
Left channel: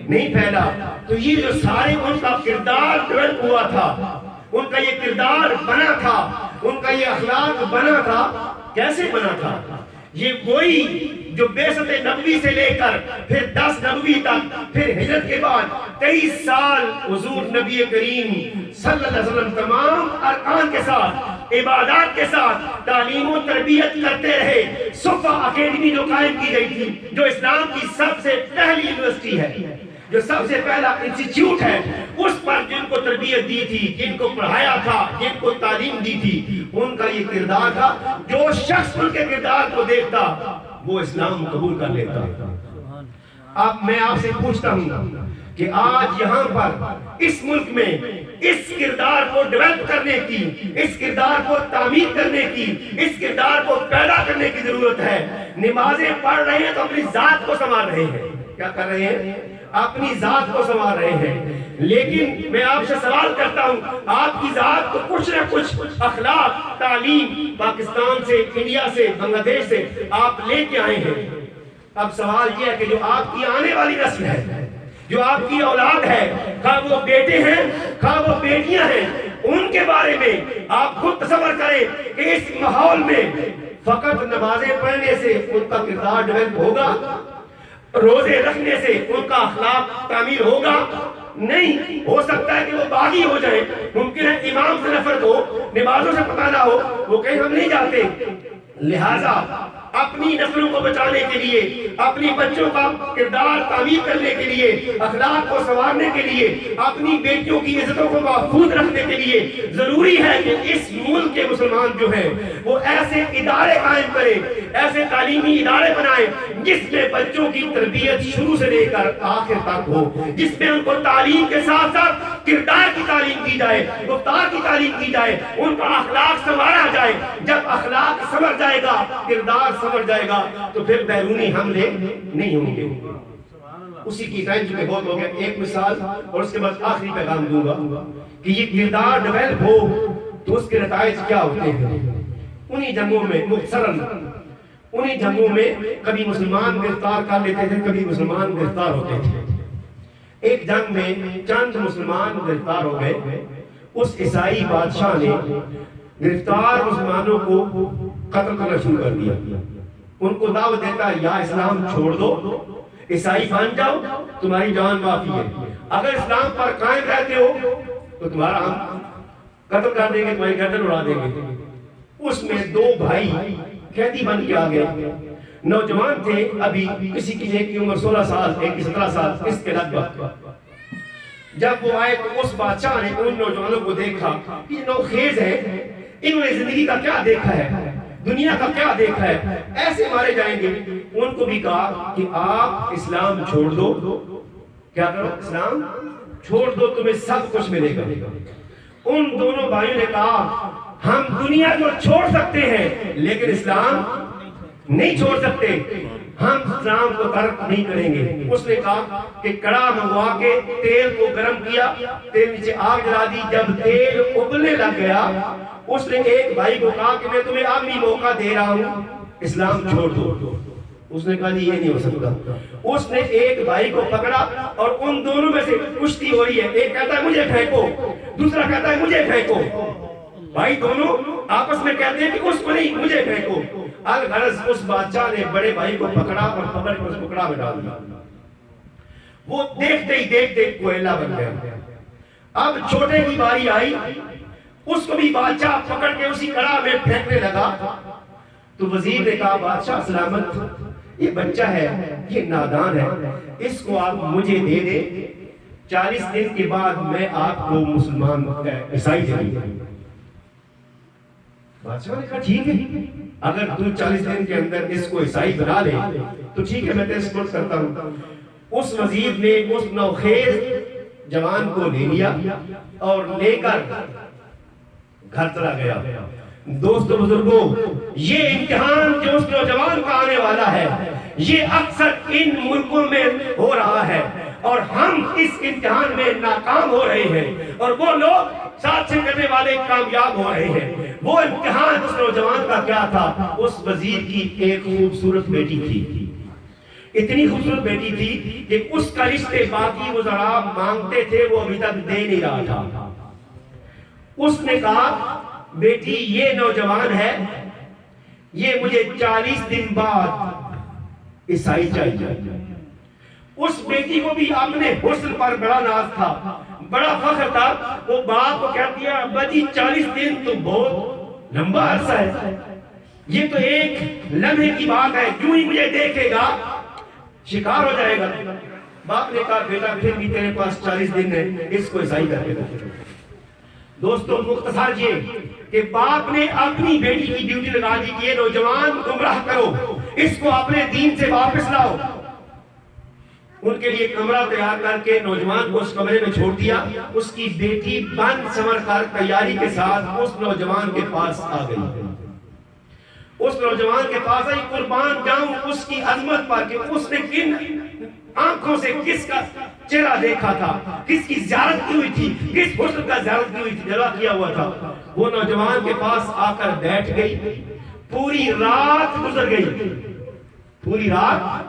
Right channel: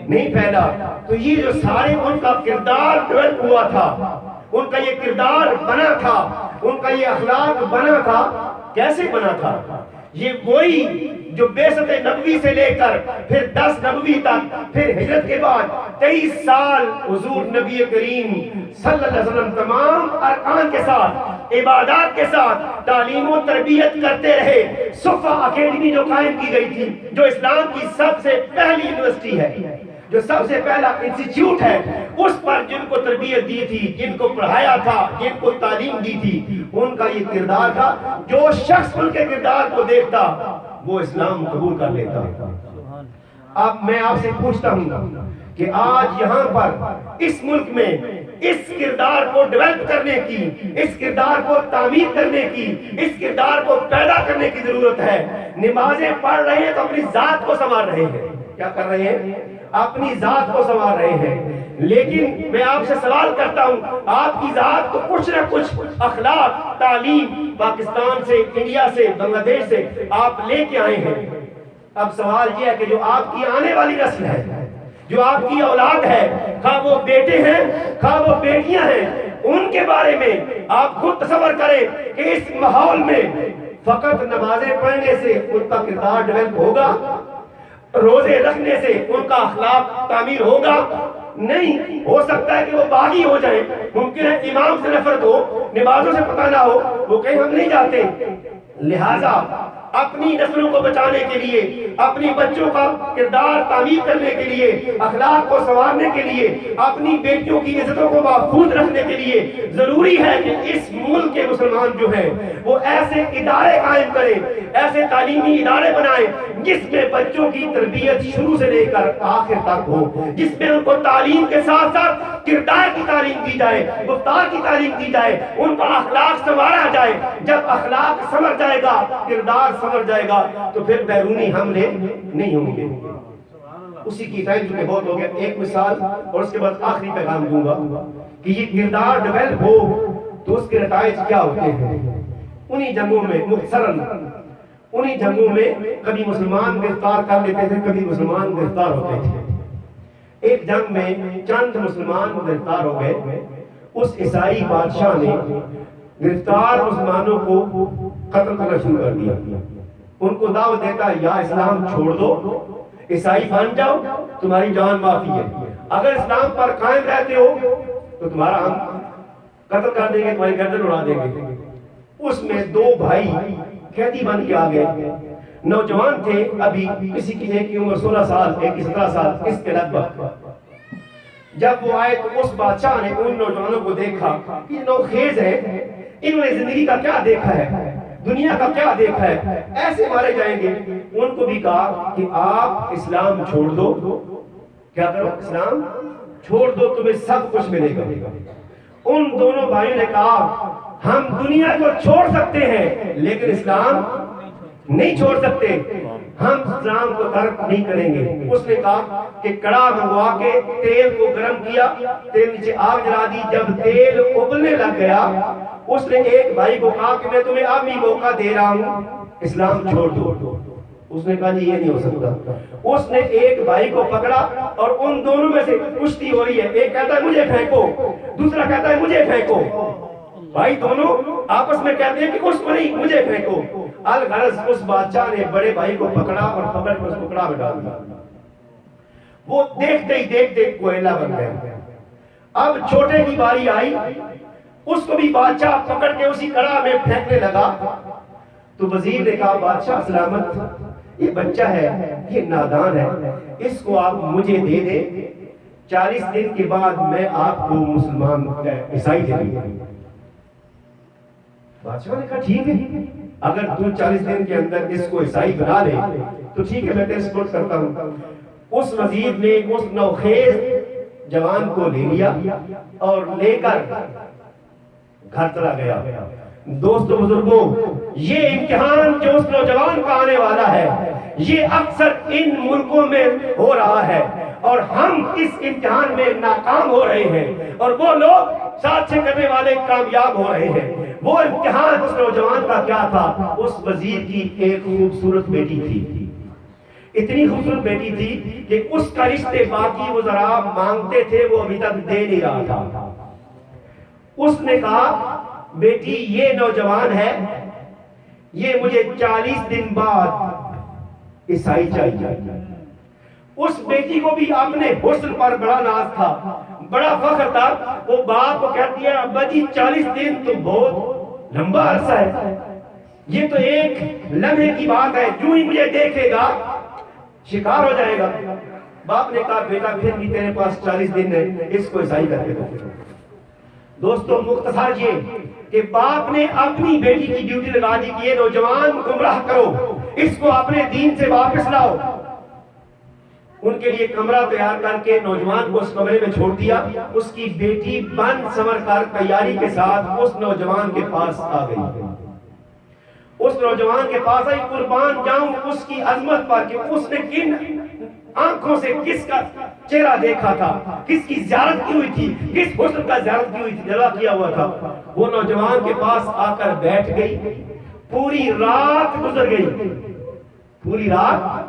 نہیں پھیلا۔ تو یہ جو سارے ان کا کردار ڈیولپ ہوا تھا، ان کا یہ کردار بنا تھا، ان کا یہ اخلاق بنا تھا، کیسے بنا تھا؟ یہ وہی جو بعثت نبوی سے لے کر پھر 10 نبوی تک، پھر ہجرت کے بعد 23 سال حضور نبی کریم صلی اللہ علیہ وسلم تمام ارکان کے ساتھ، عبادات کے ساتھ تعلیم و تربیت کرتے رہے۔ صفا اکیڈمی جو قائم کی گئی تھی، جو اسلام کی سب سے پہلی یونیورسٹی ہے، جو سب سے پہلا انسٹیٹیوٹ ہے، اس پر جن کو تربیت دی تھی، جن کو پڑھایا تھا، جن کو تعلیم دی تھی، ان کا یہ کردار تھا۔ جو شخص ان کے کردار کو دیکھتا وہ اسلام قبول کر لیتا۔ اب میں آپ سے پوچھتا ہوں کہ آج یہاں پر اس ملک میں اس کردار کو ڈیولپ کرنے کی، اس کردار کو تعمیر کرنے کی، اس کردار کو پیدا کرنے کی ضرورت ہے۔ نمازیں پڑھ رہے ہیں تو اپنی ذات کو سنوار رہے ہیں۔ کیا کر رہے ہیں؟ اپنی ذات کو سنوار رہے ہیں۔ لیکن میں آپ سے سوال کرتا ہوں، آپ کی ذات کو کچھ نہ کچھ اخلاق، تعلیم پاکستان سے، انڈیا سے، بنگلہ دیش سے آپ لے کے آئے ہیں۔ اب سوال یہ ہے کہ جو آپ کی آنے والی نسل ہے، جو آپ کی اولاد ہے، خواہ وہ بیٹے ہیں، خواہ وہ بیٹیاں ہیں، ان کے بارے میں آپ خود تصور کریں کہ اس ماحول میں فقط نمازیں پڑھنے سے ان کا کردار ڈیولپ ہوگا؟ روزے رکھنے سے ان کا اخلاق تعمیر ہوگا؟ نہیں ہو سکتا ہے کہ وہ باغی ہو جائے، ممکن ہے امام سے نفرت ہو، نمازوں سے پتہ نہ ہو، وہ کہیں ہم نہیں جاتے۔ لہٰذا اپنی نسلوں کو بچانے کے لیے، اپنی بچوں کا کردار تعمیر کرنے کے لیے، اخلاق کو سنوارنے کے لیے، اپنی بیٹیوں کی عزتوں کو محفوظ رکھنے کے لیے ضروری ہے کہ اس ملک کے مسلمان جو ہیں وہ ایسے ادارے قائم کریں، ایسے تعلیمی ادارے بنائیں جس میں بچوں کی تربیت شروع سے لے کر آخر تک ہو، جس میں ان کو تعلیم کے ساتھ ساتھ کردار کی تعلیم کی جائے، گفتار کی تعلیم کی جائے، ان کا اخلاق سنوارا جائے۔ جب اخلاق سنور جائے گا، کردار سنور جائے گا، تو پھر بیرونی حملے نہیں ہوں گے۔ اسی کی ٹائم چکے بہت ہو گیا، ایک مثال اور اس کے بعد آخری پیغام دوں گا کہ یہ کردار ڈیولپ ہو تو اس کے نتائج کیا ہوتے ہیں۔ انہی جنگوں میں مختصراً، انہی جنگوں میں کبھی مسلمان گرفتار کر لیتے تھے، کبھی مسلمان گرفتار ہوتے تھے۔ ایک جنگ میں چند مسلمان گرفتار ہو گئے، اس عیسائی بادشاہ نے گرفتار مسلمانوں کو قتل کرنا شروع کر دیا۔ ان کو دعوت دیتا، یا اسلام چھوڑ دو، عیسائی بن جاؤ، تمہاری جان معافی ہے، اگر اسلام پر قائم رہتے ہو تو تمہارا ہم قتل کر دیں گے، تمہاری گردن اڑا دیں گے۔ اس میں 2 بھائی قیدی بن کے آ گئے، نوجوان تھے، ابھی کسی کی ایک کی عمر 16 سال، ایک کی 17 سال، اس کے لگ بھگ۔ جب وہ آئے تو اس بادشاہ نے ان نوجوانوں کو دیکھا کہ یہ نوخیز ہے، انہوں نے زندگی کا کیا دیکھا ہے، دنیا کا کیا دیکھا ہے، ایسے مارے جائیں گے۔ ان کو بھی کہا کہ آپ اسلام چھوڑ دو، کیا کرو، اسلام چھوڑ دو، تمہیں سب کچھ ملے گا۔ ان دونوں بھائیوں نے کہا ہم دنیا کو چھوڑ سکتے ہیں لیکن اسلام نہیں چھوڑ سکتے، ہم اسلام کو ترک نہیں کریں گے۔ اس نے کہا کہ کڑا منگوا کے تیل کو گرم کیا، تیل نیچے آگ جلا دی، جب تیل ابلنے لگ گیا اس نے ایک بھائی کو کہا کہ میں تمہیں اب بھی موقع دے رہا ہوں، اسلام چھوڑ دو۔ اس نے کہا یہ نہیں ہو سکتا۔ اس نے ایک بھائی کو پکڑا اور ان دونوں میں سے کشتی ہو رہی ہے، ایک کہتا ہے مجھے پھینکو، دوسرا کہتا ہے مجھے پھینکو۔ بھائی دونوں آپس میں کہتے ہیں کہ اس کو نہیں، مجھے پھینکو۔ الغرض اس بادشاہ نے بڑے بھائی کو پکڑا اور پکڑ کے اس کو کڑا میں ڈال دیا۔ وہ دیکھتے ہی دیکھتے کوئلہ بن گیا۔ اب چھوٹے کی باری آئی، اس کو بھی بادشاہ پکڑ کے اسی کڑا میں پھینکنے لگا۔ تو وزیر نے کہا بادشاہ سلامت، یہ بچہ ہے، یہ نادان ہے، اس کو آپ مجھے دے دیں، 40 دن کے بعد میں آپ کو مسلمان عیسائی دے دوں۔ بادشاہ نے کہا ٹھیک ہے، اگر تو 40 دن کے اندر اس کو عیسائی بنا لے تو ٹھیک ہے، میں تیرے سپورٹ کرتا ہوں۔ اس وزیر نے اس نوخیز جوان کو لے لیا اور لے کر گھر چلا گیا۔ دوستو بزرگوں، یہ امتحان جو اس نوجوان کا آنے والا ہے، یہ اکثر ان ملکوں میں ہو رہا ہے، اور ہم اس امتحان میں ناکام ہو رہے ہیں، اور وہ لوگ ساتھ سے کرنے والے کامیاب ہو رہے ہیں۔ وہ امتحان اس نوجوان کا کیا تھا؟ اس وزیر کی ایک خوبصورت بیٹی تھی، اتنی خوبصورت بیٹی تھی کہ اس کا رشتے باقی وزراء مانگتے تھے، وہ ابھی تک دے نہیں رہا تھا۔ اس نے کہا بیٹی یہ نوجوان ہے، یہ مجھے 40 دن بعد عیسائی چاہیے۔ اس بیٹی کو بھی اپنے حسن پر بڑا ناز تھا، بڑا فخر تھا۔ وہ باپ کو کہتی ہے ابا جی 40 دن تو بہت لمبا عرصہ ہے، یہ تو ایک لمحے کی بات ہے، کیوں ہی مجھے دیکھے گا شکار ہو جائے گا۔ باپ نے کہا بیٹا پھر بھی تیرے پاس 40 دن ہے، اس کو عیسائی کر کے دو۔ دوستو مختصر یہ کہ باپ نے اپنی بیٹی کی ڈیوٹی لگا دی کہ یہ نوجوان گمراہ کرو، اس کو اپنے دین سے واپس لاؤ۔ ان کے لیے کمرہ تیار کر کے نوجوان کو اس کمرے میں چھوڑ دیا۔ اس کی بیٹی بن سنور کر تیاری کے ساتھ اس نوجوان کے پاس آ گئی۔ اس نوجوان کے پاس آئی، قربان جاؤں اس کی عظمت پر کہ اس نے کن آنکھوں سے کس کا چہرہ دیکھا تھا، کس کی زیارت کی ہوئی تھی، کس حسن کا زیارت کی ہوئی تھی، جلوہ کیا ہوا تھا۔ وہ نوجوان کے پاس آ کر بیٹھ گئی، پوری رات گزر گئی، پوری رات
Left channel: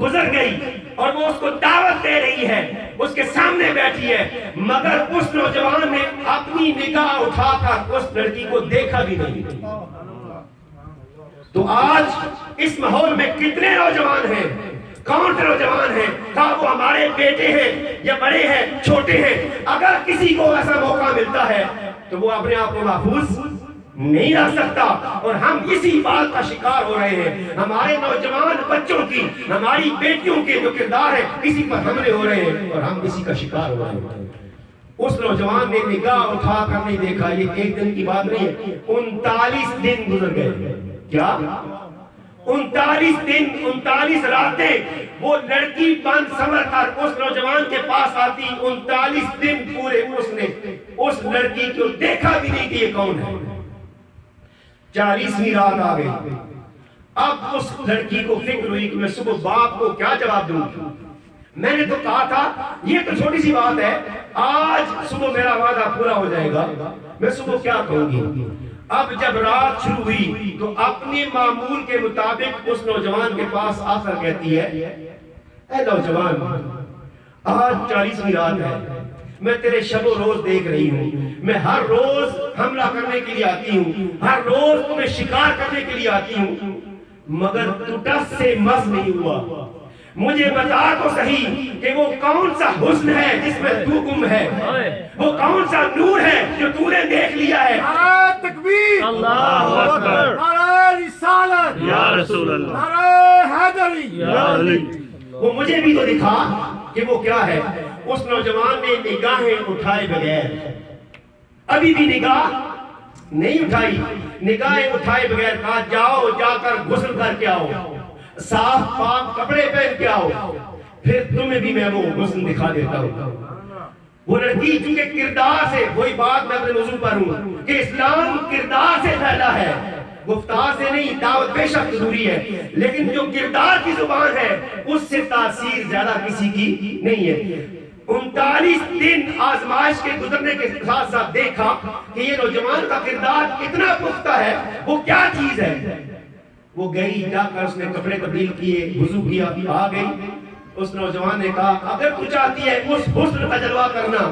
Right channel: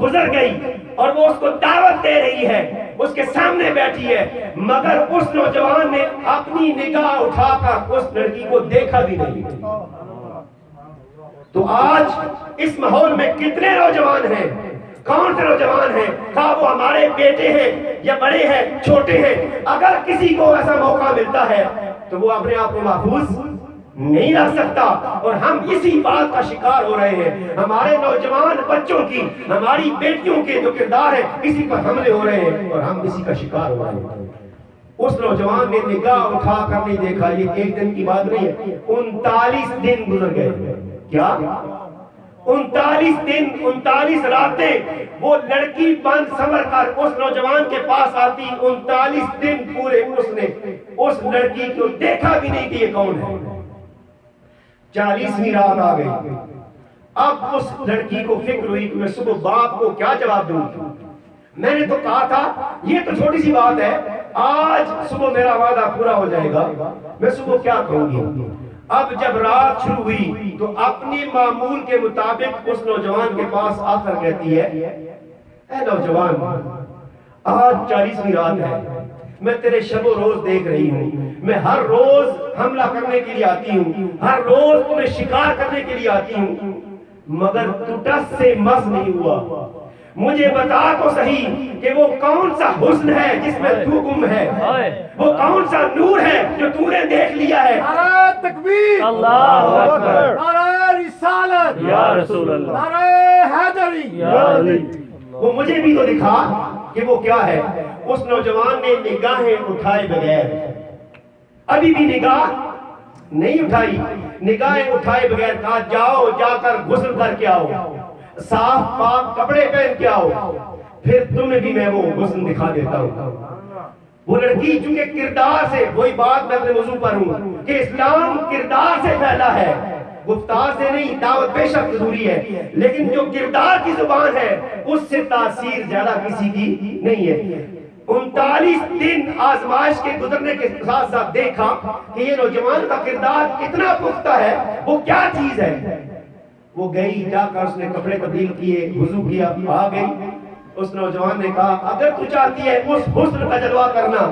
گزر گئی، اور وہ اس کو دعوت دے رہی ہے، اس کے سامنے بیٹھی ہے، مگر اس نوجوان نے اپنی نگاہ اٹھا کر اس لڑکی کو دیکھا بھی نہیں۔ تو آج اس ماحول میں کتنے نوجوان ہیں، کون سے نوجوان ہیں، کہا وہ ہمارے بیٹے ہیں یا بڑے ہیں چھوٹے ہیں، اگر کسی کو ایسا موقع ملتا ہے تو وہ اپنے آپ کو محفوظ نہیں رکھ سکتا، اور ہم اسی بات کا شکار ہو رہے ہیں۔ ہمارے نوجوان بچوں کی، ہماری بیٹیوں کے جو کردار ہے اسی پر حملے ہو رہے ہیں، اور ہم اسی کا شکار ہو رہے ہیں۔ اس نوجوان نے نگاہ اٹھا کر نہیں دیکھا، یہ ایک دن کی بات نہیں ہے، 39 دن گزر گئے۔ کیا 39 دن 39 راتیں وہ لڑکی بن سنور کر اس نوجوان کے پاس آتی، 39 دن پورے اس نے اس لڑکی کو دیکھا بھی نہیں کہ یہ کون ہے۔ 40ویں رات آ گئی، اب اس لڑکی کو فکر ہوئی کہ میں صبح باپ کو کیا جواب دوں۔ میں نے تو کہا تھا یہ تو چھوٹی سی بات ہے، آج صبح میرا وعدہ پورا ہو جائے گا، میں صبح کیا کہوں گی۔ اب جب رات شروع ہوئی تو اپنی معمول کے مطابق اس نوجوان کے پاس آ کر کہتی ہے اے نوجوان، آج 40ویں رات ہے، میں تیرے شب و روز دیکھ رہی ہوں، میں ہر روز حملہ کرنے کے لیے آتی ہوں، ہر روز تمہیں شکار کرنے کے لیے آتی ہوں، مگر تو ٹس سے مس نہیں ہوا۔ مجھے بتا تو صحیح کہ وہ کون سا حسن ہے جس میں تو گم ہے، وہ کون سا نور ہے جو تو نے دیکھ لیا ہے۔ نعرہ تکبیر، اللہ اکبر، نعرہ رسالت، یا رسول اللہ، نعرہ حیدری، یا علی۔ وہ مجھے بھی تو دکھا کہ وہ کیا ہے۔ اس نوجوان نے نگاہیں اٹھائے بغیر، ابھی بھی نگاہ نہیں اٹھائی، نگاہیں اٹھائے بغیر کہا جاؤ جا کر غسل کر کے آؤ، صاف پاک کپڑے پہن کے آؤ، پھر تمہیں بھی میں وہ حسن دکھا دیتا ہوں۔ وہ لڑکی چونکہ کردار سے، وہی بات میں اپنے موضوع پر ہوں کہ اسلام کردار سے پھیلا ہے، گفتار سے نہیں۔ دعوت بے شک ضروری ہے، لیکن جو کردار کی زبان ہے اس سے تاثیر زیادہ کسی کی نہیں ہے۔ 39 دن آزمائش کے گزرنے کے ساتھ ساتھ دیکھا کہ یہ نوجوان کا کردار اتنا پختہ ہے، وہ کیا چیز ہے۔ وہ گئی، جا کر اس نے کپڑے تبدیل کیے، وضو کیا، آ گئی۔ اس نوجوان نے کہا اگر تو چاہتی ہے اس حسن کا جلوہ کرنا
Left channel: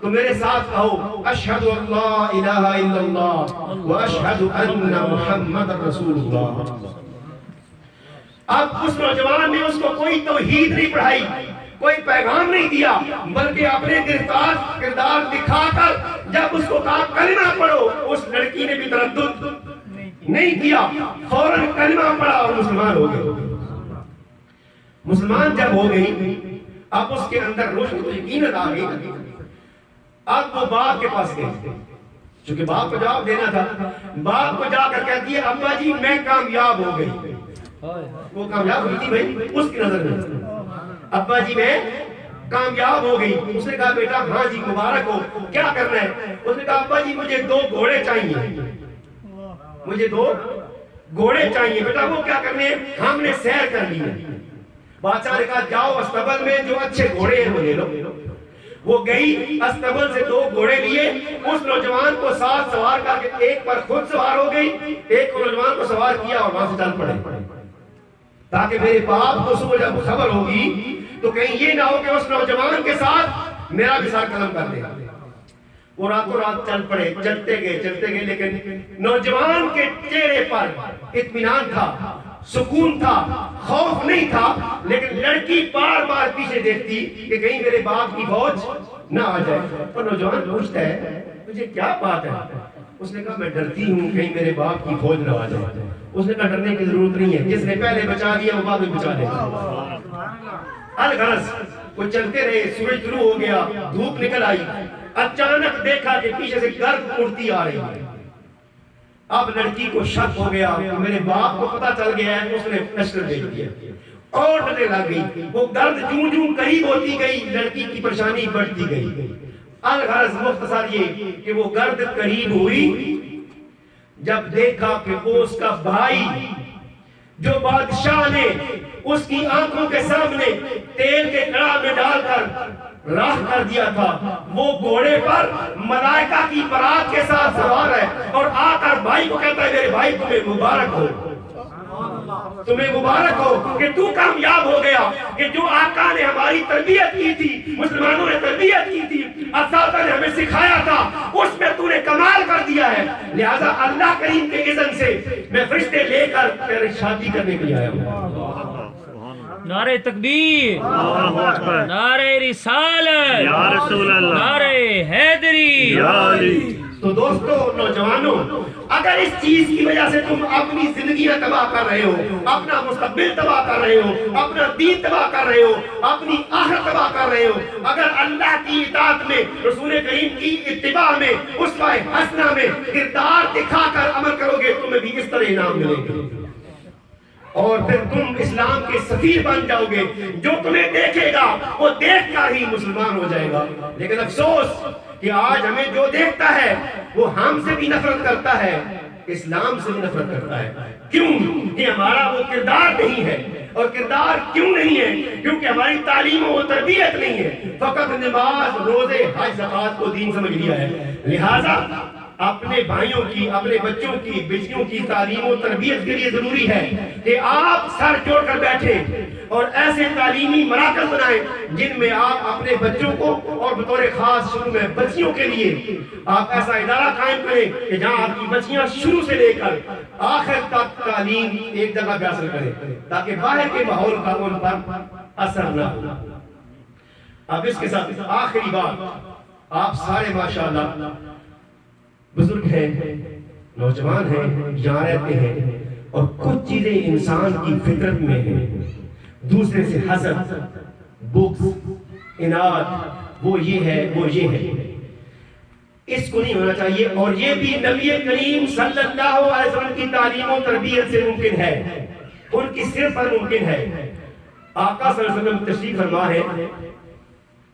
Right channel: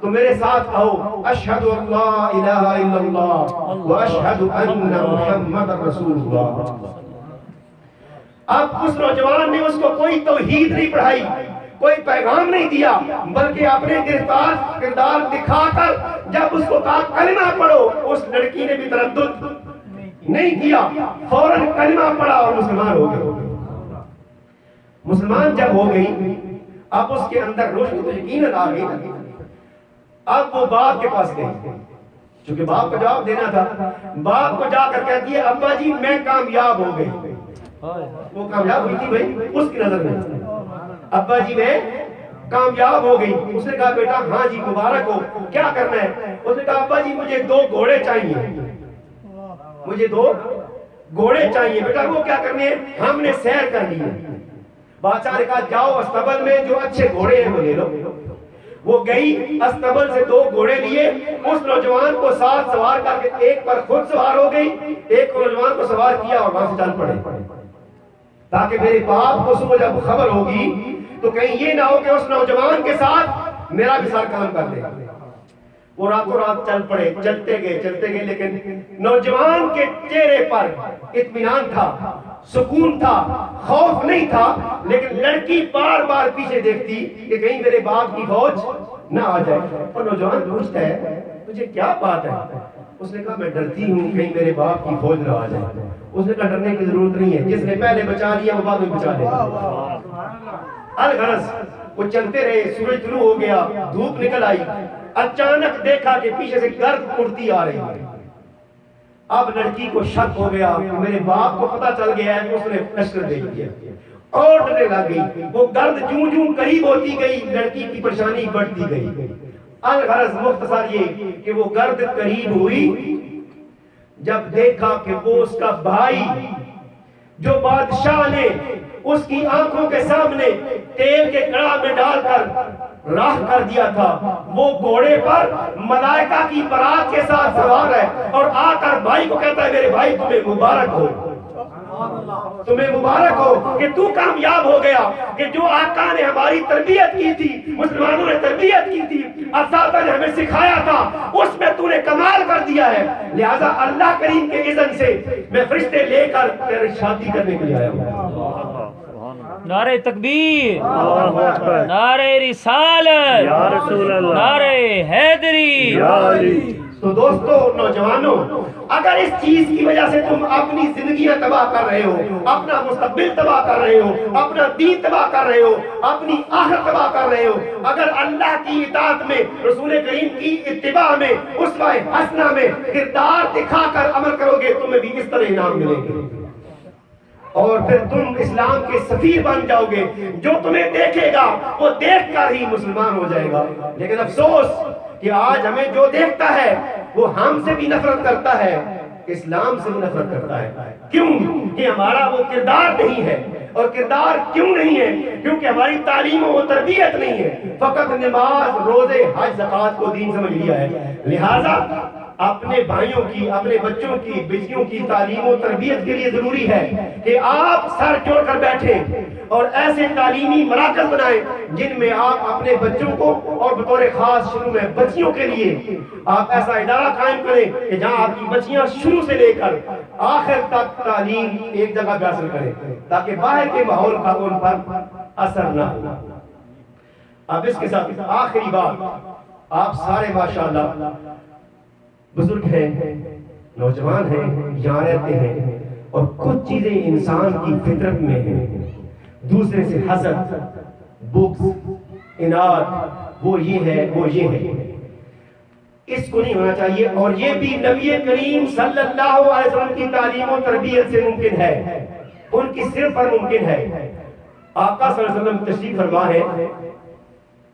تو میرے ساتھ آؤ، اشہد ان لا الہ الا اللہ و اشہد ان محمد رسول اللہ۔ اب اس نوجوان نے اس کو کوئی توحید نہیں پڑھائی، کوئی پیغام نہیں دیا، بلکہ اپنے گرفتار کردار دکھا کر جب اس کو کہا کلمہ پڑھو، اس لڑکی نے بھی تردد نہیں کیا، فوراً کلمہ پڑھا اور مسلمان ہو گئے۔ مسلمان جب ہو گئی، اب اس کے اندر روشنی تو یقیناً آ گئی۔ اب وہ باپ کے پاس گئی، چونکہ باپ کو جواب دینا تھا. باپ کو جا کر کہتی ہے ابا جی میں کامیاب ہو گئی. وہ کامیاب ہوئی تھی بھائی اس کی نظر میں. ابا جی میں کامیاب ہو گئی. اس نے کہا بیٹا ہاں جی مبارک ہو, کیا کرنا ہے؟ اس نے کہا ابا جی مجھے 2 گھوڑے چاہیے, مجھے 2 گھوڑے چاہیے. بیٹا وہ کیا کرنے ہیں؟ ہم نے سیر کر لی ہے. بادشاہ نے کہا جاؤ استبل میں جو اچھے گھوڑے ہیں وہ لے لو. وہ گئی استبل سے 2 گھوڑے لیے, اس نوجوان کو ساتھ سوار کر کے ایک پر خود سوار ہو گئی, ایک نوجوان کو سوار کیا اور وہاں سے چل پڑے, تاکہ میرے باپ کو صبح جب خبر ہوگی تو کہیں یہ نہ ہو کہ اس نوجوان کے ساتھ میرا بھی ساتھ کام کر دے. وہ راتوں رات چل پڑے, چلتے گئے, لیکن نوجوان کے چہرے پر اطمینان تھا, سکون تھا, خوف نہیں تھا. لیکن لڑکی بار بار پیچھے دیکھتی کہ کہیں میرے باپ کی فوج نہ آ جائے. اور نوجوان پوچھتا ہے تجھے کیا بات ہے؟ اس نے کہا میں ڈرتی ہوں کہیں میرے باپ کی فوج نہ آ جائے. اس نے کہا ڈرنے کی ضرورت نہیں ہے, جس نے پہلے بچا لیا وہ بعد میں بچا لے گا. الغرض وہ چلتے رہے, سورج طلوع ہو گیا, دھوپ نکل آئی. اچانک دیکھا کہ پیچھے سے گرد اڑتی آ رہی ہے. اب لڑکی کو شک ہو گیا کہ میرے باپ کو پتا چل گیا ہے. اس نے لشکر بھیج دیا اور ڈرنے لگ گئی. وہ گرد جوں جوں قریب ہوتی گئی, لڑکی کی پریشانی بڑھتی گئی. الغرض مختصر یہ کہ وہ گرد قریب ہوئی, جب دیکھا کہ وہ اس کا بھائی جو بادشاہ نے اس کی آنکھوں کے سامنے تیل کے کڑاہ میں ڈال کر راہ کر دیا تھا, وہ گھوڑے پر ملائکہ کی برات کے ساتھ سوار ہے اور آ کر بھائی کو کہتا ہے میرے بھائی تمہیں مبارک ہو, تمہیں مبارک ہو کہ تو کامیاب ہو گیا. کہ جو آقا نے ہماری تربیت کی تھی, مسلمانوں نے تربیت کی تھی, اساتذہ نے ہمیں سکھایا تھا, اس میں تو نے کمال کر دیا ہے. لہذا اللہ کریم کے اذن سے میں فرشتے لے کر تیری شادی کرنے کے لیے آیا ہوں. نعرہ تکبیر, نعرہ رسالت, یا رسول اللہ, نعرہ حیدری, یا علی. تو دوستو نوجوانوں, اگر اس چیز کی وجہ سے تم اپنی زندگی میں تباہ کر رہے ہو, اپنا مستقبل تباہ کر رہے ہو, اپنا دین تباہ کر رہے ہو, اپنی آخرت تباہ کر رہے ہو, اگر اللہ کی اطاعت میں, رسول کریم کی اتباع میں, اسوہ حسنہ میں کردار دکھا کر عمل کرو گے, تمہیں بھی اس طرح انعام ملیں گے اور پھر تم اسلام کے سفیر بن جاؤ گے. جو تمہیں دیکھے گا وہ دیکھ کر ہی مسلمان ہو جائے گا. لیکن افسوس کہ آج ہمیں جو دیکھتا ہے وہ ہم سے بھی نفرت کرتا ہے, اسلام سے بھی نفرت کرتا ہے. کیوں؟ کہ ہمارا وہ کردار نہیں ہے. اور کردار کیوں نہیں ہے؟ کیونکہ ہماری تعلیم و تربیت نہیں ہے. فقط نماز, روزے, حج, زکوٰۃ کو دین سمجھ لیا ہے. لہٰذا اپنے بھائیوں کی, اپنے بچوں کی, بیٹیوں کی تعلیم و تربیت کے لیے ضروری ہے کہ آپ سر جوڑ کر بیٹھیں اور ایسے تعلیمی مراکز بنائیں جن میں آپ اپنے بچوں کو, اور بطور خاص شروع میں بچیوں کے لیے آپ ایسا ادارہ قائم کریں کہ جہاں آپ کی بچیاں شروع سے لے کر آخر تک تعلیم ایک جگہ پہ حاصل کریں, تاکہ باہر کے ماحول کا ان پر اثر نہ ہو. اب اس کے ساتھ آخری بات, آپ سارے ماشاءاللہ بزرگ ہیں, نوجوان ہیں, یہاں رہتے ہیں, اور کچھ چیزیں انسان کی فطرت میں ہیں, دوسرے سے حسد, بغض, اناد, وہ یہ ہے, وہ یہ ہے. اس کو نہیں ہونا چاہیے. اور یہ بھی نبی کریم صلی اللہ علیہ وسلم کی تعلیم و تربیت سے ممکن ہے, ان کی صرف پر ممکن ہے. آقا صلی اللہ علیہ وسلم تشریف فرما ہے,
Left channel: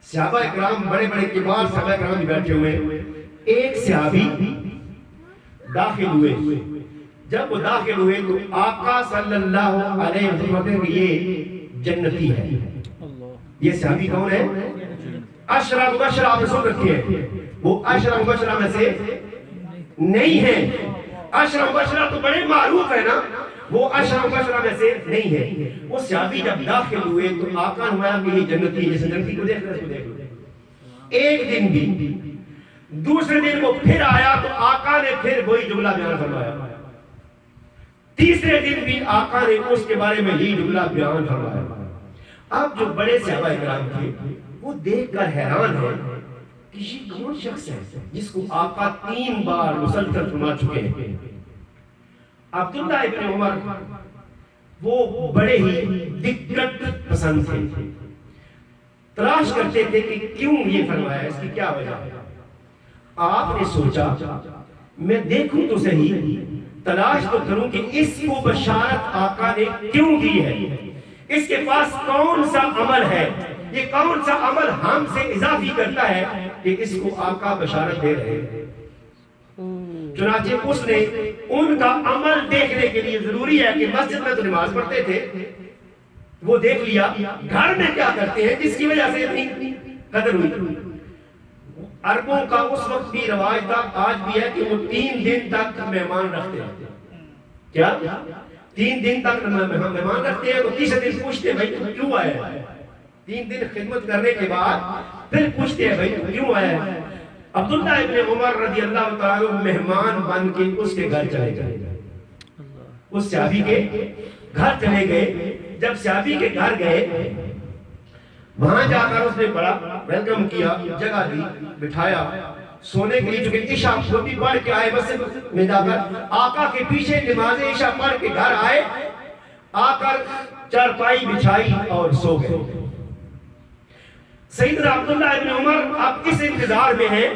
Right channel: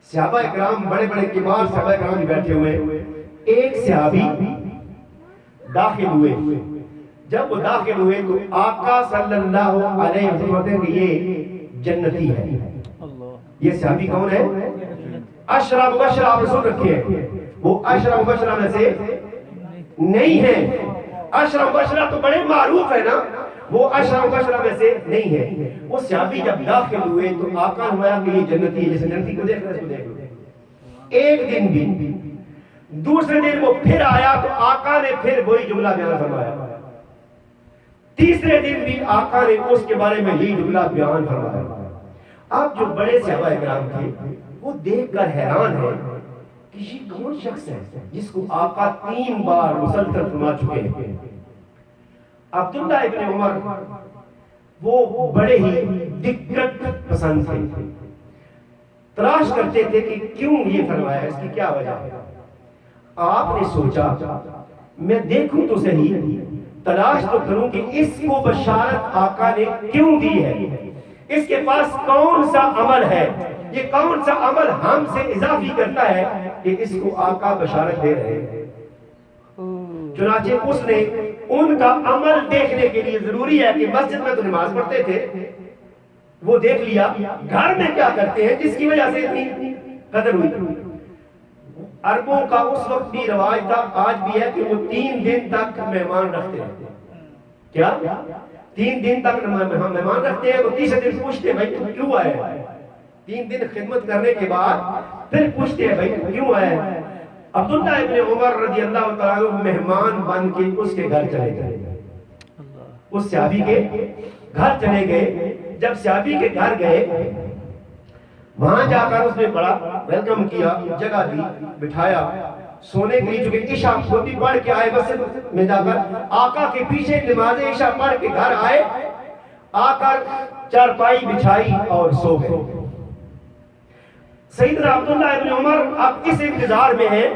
صحابہ اکرام, بڑے بڑے کبار صحابہ اکرام بھی بیٹھے ہوئے. ایک صحابی داخل ہوئے. جب وہ داخل ہوئے تو آقا صلی اللہ علیہ وسلم کہتے ہیں کہ یہ جنتی ہے. یہ صحابی کون ہے؟ عشرہ مبشرہ. آپ نے سن رکھے ہیں, وہ عشرہ مبشرہ میں سے نہیں ہے. عشرہ مبشرہ تو بڑے معروف ہے نا, وہ عشرہ مبشرہ میں سے نہیں ہے. وہ صحابی جب داخل ہوئے تو آقا نے فرمایا کہ یہ جنتی ہے. جیسے جنتی کو دیکھ رہے ہیں. ایک دن بھی, دوسرے دن وہ پھر آیا تو آقا نے پھر وہی جملہ بیان فرمایا. تیسرے دن بھی آقا نے اس کے بارے میں یہی جملہ بیان فرمایا. اب جو بڑے صحابہ کرام تھے وہ دیکھ کر حیران ہے کہ یہ کون شخص ہے جس کو آقا 3 بار مسلسل فرما چکے ہیں. عبداللہ ابن عمر وہ بڑے ہی دقت پسند تھے, تلاش کرتے تھے کہ کیوں یہ فرمایا, اس کی کیا وجہ ہے. آپ نے سوچا میں دیکھوں تو صحیح، تلاش تو کروں کہ اس کو بشارت آقا نے کیوں دی ہے، اس کے پاس کون سا عمل ہے، یہ کون سا عمل ہم سے اضافی کرتا ہے کہ اس کو آقا بشارت دے رہے ہیں۔ چنانچہ اس نے ان کا عمل دیکھنے کے لیے ضروری ہے کہ مسجد میں تو نماز پڑھتے تھے، وہ دیکھ لیا گھر میں کیا کرتے ہیں جس کی وجہ سے اتنی قدر ہوئی۔ عربوں کا اس وقت بھی رواج تھا، آج بھی ہے، کہ وہ 3 دن تک مہمان رکھتے ہیں۔ کیا 3 دن تک مہمان رکھتے ہیں، تو تیسرے دن پوچھتے ہیں بھائی تم کیوں آئے؟ 3 دن خدمت کرنے کے بعد پھر پوچھتے ہیں بھائی تم کیوں آئے؟ عبداللہ ابن عمر رضی اللہ تعالیٰ مہمان بن کے اس کے گھر چلے گئے، اس صحابی کے گھر چلے گئے۔ جب صحابی کے گھر گئے، وہاں جا کر اس نے بڑا ویلکم کیا، جگہ دی، بٹھایا سونے کے لیے، چونکہ عشاء خود بھی پڑھ کے آئے مسجد میں جا کر، آقا کے پیچھے نماز عشاء پڑھ کے گھر آئے، آ کر چارپائی بچھائی اور سو گئے۔ سیدنا عبداللہ ابن عمر اب اس انتظار میں ہیں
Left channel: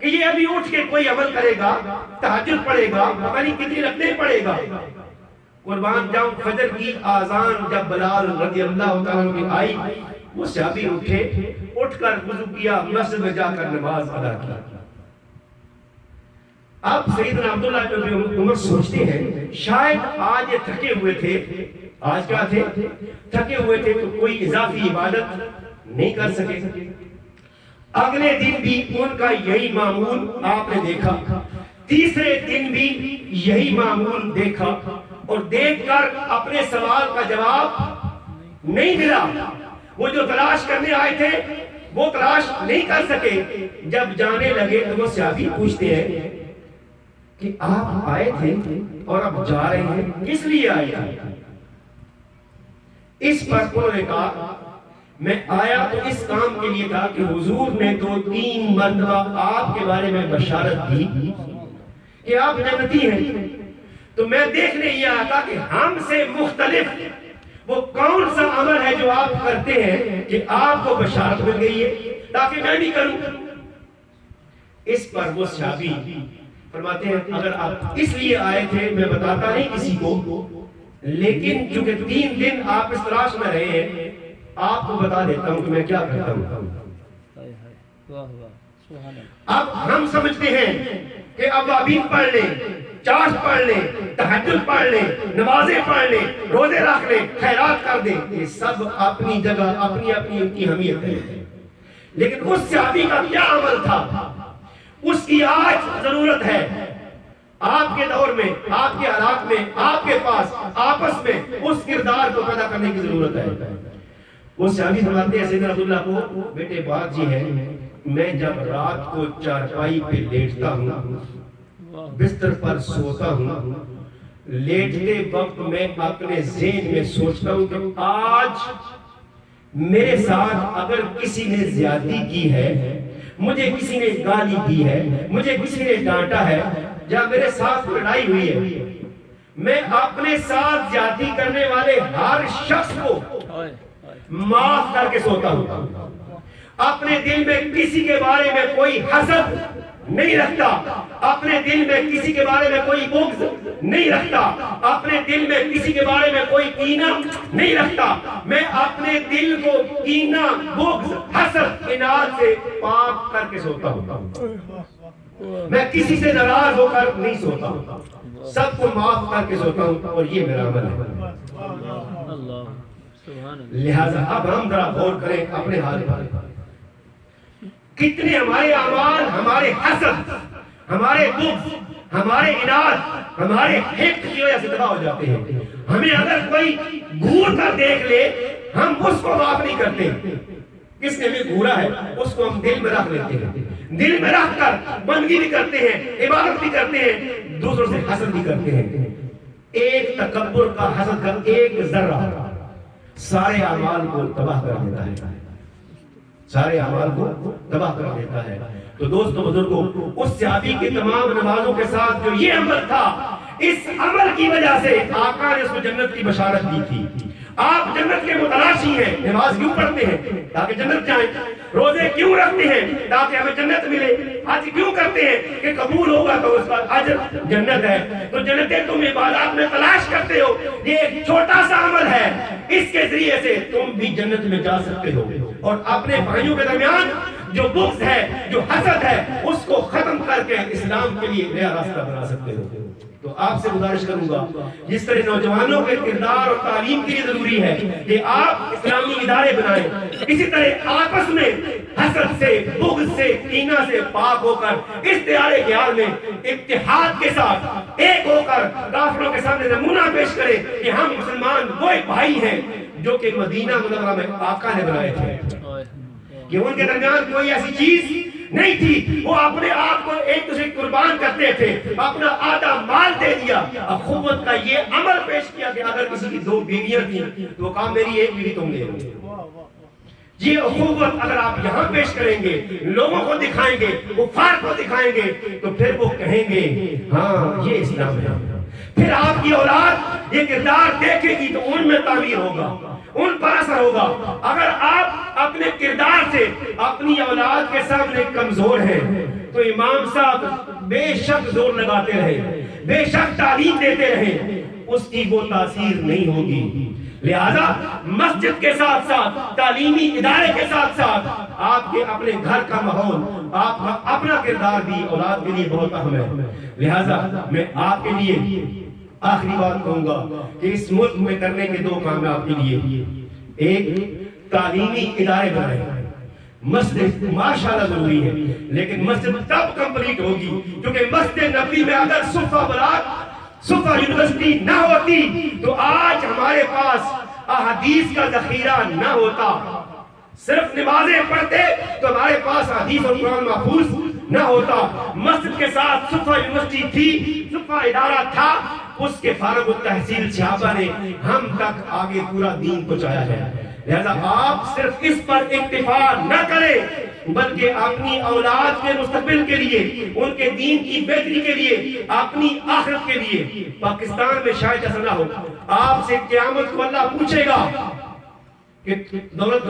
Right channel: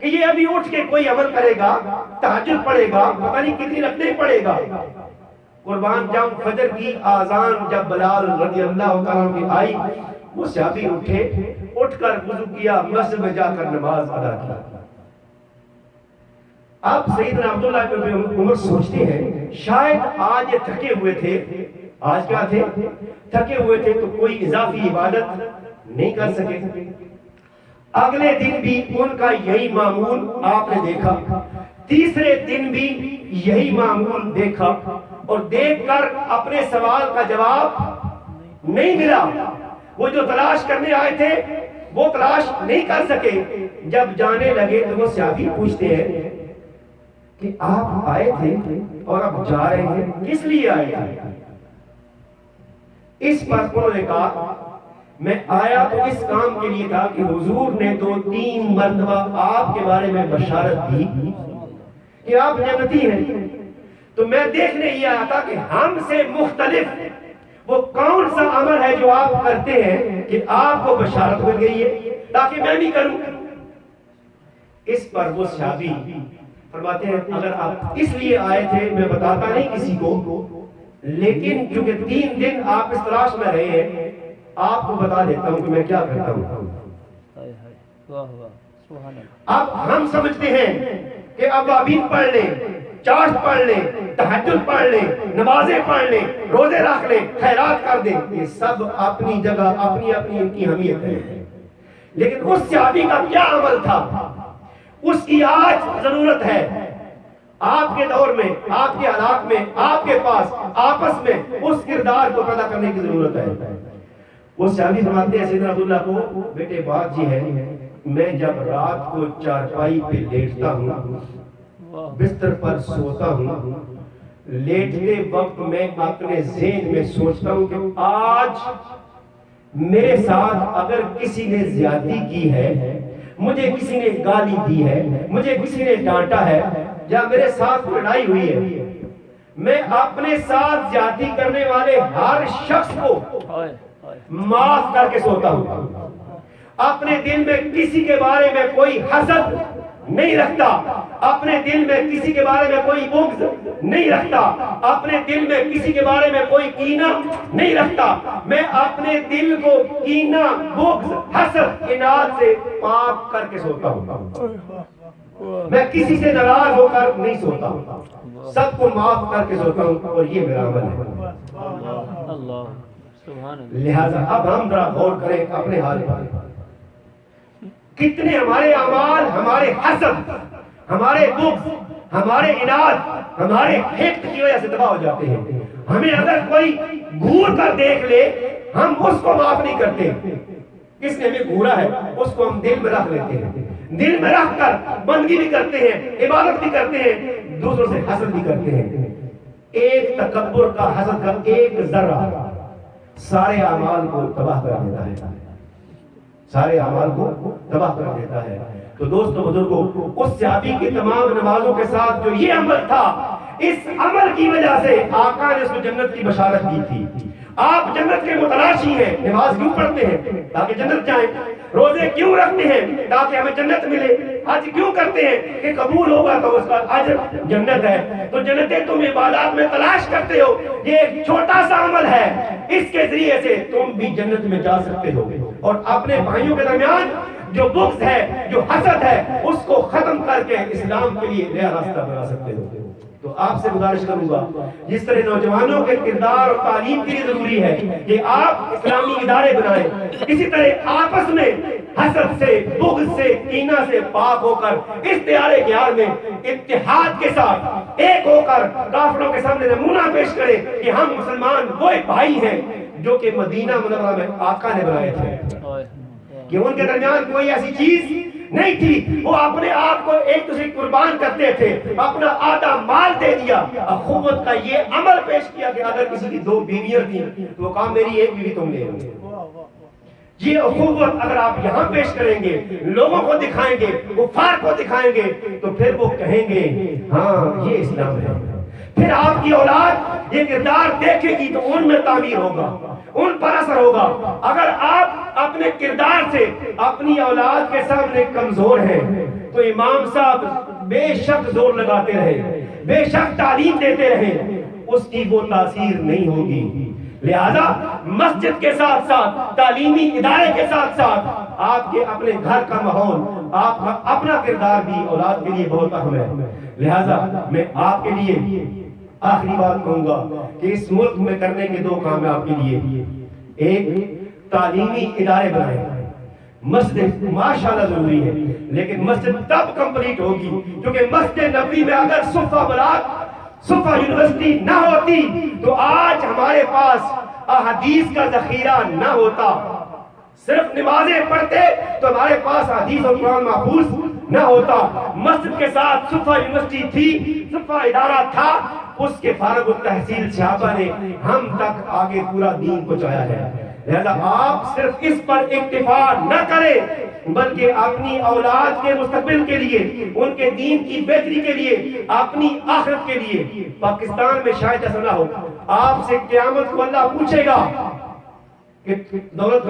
کہ یہ ابھی اٹھ کے کوئی عمل کرے گا، تہجد پڑھے گا، پتہ نہیں کتنی رکعتیں پڑھے گا۔ قربان جاؤں، فجر کی آذان جب بلال رضی اللہ تعالیٰ کی آئی، وہ صحابی اٹھے، اٹھ کر وضو کیا، مسجد میں جا کر نماز ادا کی۔ اب سیدنا عبداللہ ابن عمر سوچتے ہیں شاید آج یہ تھکے ہوئے تھے، آج کیا تھے؟ تھکے ہوئے تھے، تو کوئی اضافی عبادت نہیں کر سکے۔ اگلے دن بھی ان کا یہی معمول آپ نے دیکھا، تیسرے دن بھی یہی معمول دیکھا، اور دیکھ کر اپنے سوال کا جواب نہیں ملا۔ وہ جو تلاش کرنے آئے تھے وہ تلاش نہیں کر سکے۔ جب جانے لگے تو وہ صحابی پوچھتے ہیں کہ آپ آئے تھے اور اب جا رہے ہیں، کس لیے آئے تھے؟ اس پر انہوں نے کہا میں آیا تو اس کام کے لیے تھا کہ حضور نے 2-3 مرتبہ آپ کے بارے میں بشارت دی کہ آپ جنتی ہیں، تو میں دیکھنے یہ آیا تھا کہ ہم سے مختلف وہ کون سا عمل ہے جو آپ کرتے ہیں کہ آپ کو بشارت مل گئی ہے تاکہ میں بھی کروں۔ اس پر وہ صحابی فرماتے ہیں اگر آپ اس لیے آئے تھے میں بتاتا نہیں کسی کو، لیکن چونکہ 3 دن آپ اس تلاش میں رہے ہیں، آپ کو بتا دیتا ہوں کہ میں کیا کرتا ہوں۔ اب ہم سمجھتے ہیں کہ اب ابھی پڑھ لیں، چاشت پڑھ لیں، تہجد پڑھ لیں، نمازیں پڑھ لیں، روزے رکھ لیں، خیرات کر دیں، یہ سب اپنی جگہ اپنی اپنی ان کی اہمیت ہے، لیکن اس صحابی کا کیا عمل تھا اس کی آج ضرورت ہے۔ آپ کے دور میں، آپ کے حالات میں، آپ کے پاس آپس میں اس کردار کو پیدا کرنے کی ضرورت ہے۔ وہ صحابی فرماتے ہیں سیدنا عبداللہ کو، بیٹے بات جی ہے، میں جب رات کو چارپائی پہ لیٹتا ہوں، بستر پر سوتا ہوں، لیٹتے وقت میں اپنے ذہن میں سوچتا ہوں کہ آج میرے ساتھ اگر کسی نے زیادتی کی ہے، مجھے کسی نے گالی دی ہے، مجھے کسی نے ڈانٹا ہے، یا میرے ساتھ لڑائی ہوئی ہے، میں اپنے ساتھ زیادتی کرنے والے ہر شخص کو معاف کر کے سوتا ہوں، اپنے دل میں کسی کے بارے میں کوئی حسد نہیں رکھتا، اپنے دل میں کسی کے بارے میں کوئی بغض نہیں رکھتا، اپنے دل میں کسی کے بارے میں کوئی کینہ نہیں رکھتا، میں اپنے دل کو کینہ، بغض، حسد، اناد سے پاک کر کے سوتا ہوں، میں کسی سے ناراض ہو کر نہیں سوتا ہوں، سب کو معاف کر کے سوتا ہوں، اور یہ میرا عمل ہے۔ لہذا اب ہم ذرا غور کریں اپنے حال پر، کتنے ہمارے اعمال ہمارے حسد، ہمارے بغض، ہمارے اناد، ہمارے حقد کی وجہ سے تباہ ہو جاتے ہیں۔ ہمیں اگر کوئی گھور کر دیکھ لے ہم اس کو معاف نہیں کرتے، کس نے ہمیں گھورا ہے اس کو ہم دل میں رکھ لیتے ہیں، دل میں رکھ کر بندگی بھی کرتے ہیں، عبادت بھی کرتے ہیں، دوسروں سے حسد بھی کرتے ہیں۔ ایک تکبر کا، حسد کا ایک ذرہ سارے اعمال کو تباہ کر دیتا ہے، سارے اعمال کو تباہ کر دیتا ہے۔ تو دوستو بزرگوں، اس صحابی کے تمام نمازوں کے ساتھ جو یہ عمل تھا، اس عمل کی وجہ سے آقا نے اس کو جنت کی بشارت دی تھی، آپ جنت کے متلاشی ہیں، نماز کیوں پڑھتے ہیں؟ تاکہ جنت جائیں۔ روزے کیوں رکھتے ہیں؟ تاکہ ہمیں جنت ملے۔ حج کیوں کرتے ہیں؟ کہ قبول ہوگا تو اس کا اجر جنت ہے۔ تو جنتیں تم عبادات میں تلاش کرتے ہو، یہ ایک چھوٹا سا عمل ہے، اس کے ذریعے سے تم بھی جنت میں جا سکتے ہو، اور اپنے بھائیوں کے درمیان جو بغض ہے، جو حسد ہے، اس کو ختم کر کے اسلام کے لیے نیا راستہ بنا سکتے ہو۔ تو آپ سے گزارش کروں گا، جس طرح نوجوانوں کے کردار اور تعلیم کے لیے ضروری ہے کہ آپ اسلامی ادارے بنائیں، اسی طرح آپس میں حسد سے، بغض سے، کینہ سے پاک ہو کر اس دیارے گیار میں اتحاد کے ساتھ ایک ہو کر کافروں کے سامنے نمونہ پیش کریں کہ ہم مسلمان وہ بھائی ہیں جو کہ مدینہ منورہ میں آقا نے بنائے تھے، کہ ان کے درمیان کوئی ایسی چیز نہیں تھی، وہ اپنے آپ کو ایک دوسرے قربان کرتے تھے، اپنا آدھا مال دے دیا، اخوت کا یہ عمل پیش کیا کہ اگر کسی کی 2 بیویاں تھیں تو وہ کہا میری 1 بیوی تم لے لو۔ یہ اخوت اگر آپ یہاں پیش کریں گے، لوگوں کو دکھائیں گے، کفار کو دکھائیں گے، تو پھر وہ کہیں گے ہاں یہ اسلام ہے۔ پھر آپ کی اولاد یہ کردار دیکھے گی تو ان میں تعمیر ہوگا، ان پر اثر ہوگا۔ اگر آپ اپنے کردار سے اپنی اولاد کے سامنے کمزور ہیں تو امام صاحب بے شک زور لگاتے رہے، بے شک تعلیم دیتے رہے، اس کی وہ تاثیر نہیں ہوگی۔ لہذا مسجد کے ساتھ ساتھ، تعلیمی ادارے کے ساتھ ساتھ آپ کے اپنے گھر کا ماحول، آپ کا اپنا کردار بھی اولاد کے لیے بہت اہم ہے۔ لہذا میں آپ کے لیے آخری بات کہوں گا کہ اس ملک میں کرنے کے 2 کام آپ کے لیے، ایک تعلیمی ادارے بنائیں۔ مسجد ماشاءاللہ ضروری ہے، لیکن مسجد تب کمپلیٹ ہوگی کیونکہ مسجد نبوی میں اگر صفہ بلاد، صفہ یونیورسٹی نہ ہوتی تو آج ہمارے پاس احادیث کا ذخیرہ نہ ہوتا۔ صرف نمازیں پڑھتے تو ہمارے پاس حدیث اور قرآن محفوظ نہ ہوتا۔ مسجد کے ساتھ صفہ یونیورسٹی تھی، صفہ ادارہ تھا، اس کے فارغ التحصیل صحابہ نے ہم تک آگے پورا دین پہنچایا ہے۔ لہذا آپ صرف اس پر اکتفا نہ کریں بلکہ اپنی اولاد کے مستقبل کے لیے، ان کے دین کی بہتری کے لیے، اپنی آخرت کے لیے، پاکستان میں شاید ایسا نہ ہو، آپ سے قیامت کو اللہ پوچھے گا کہ دولت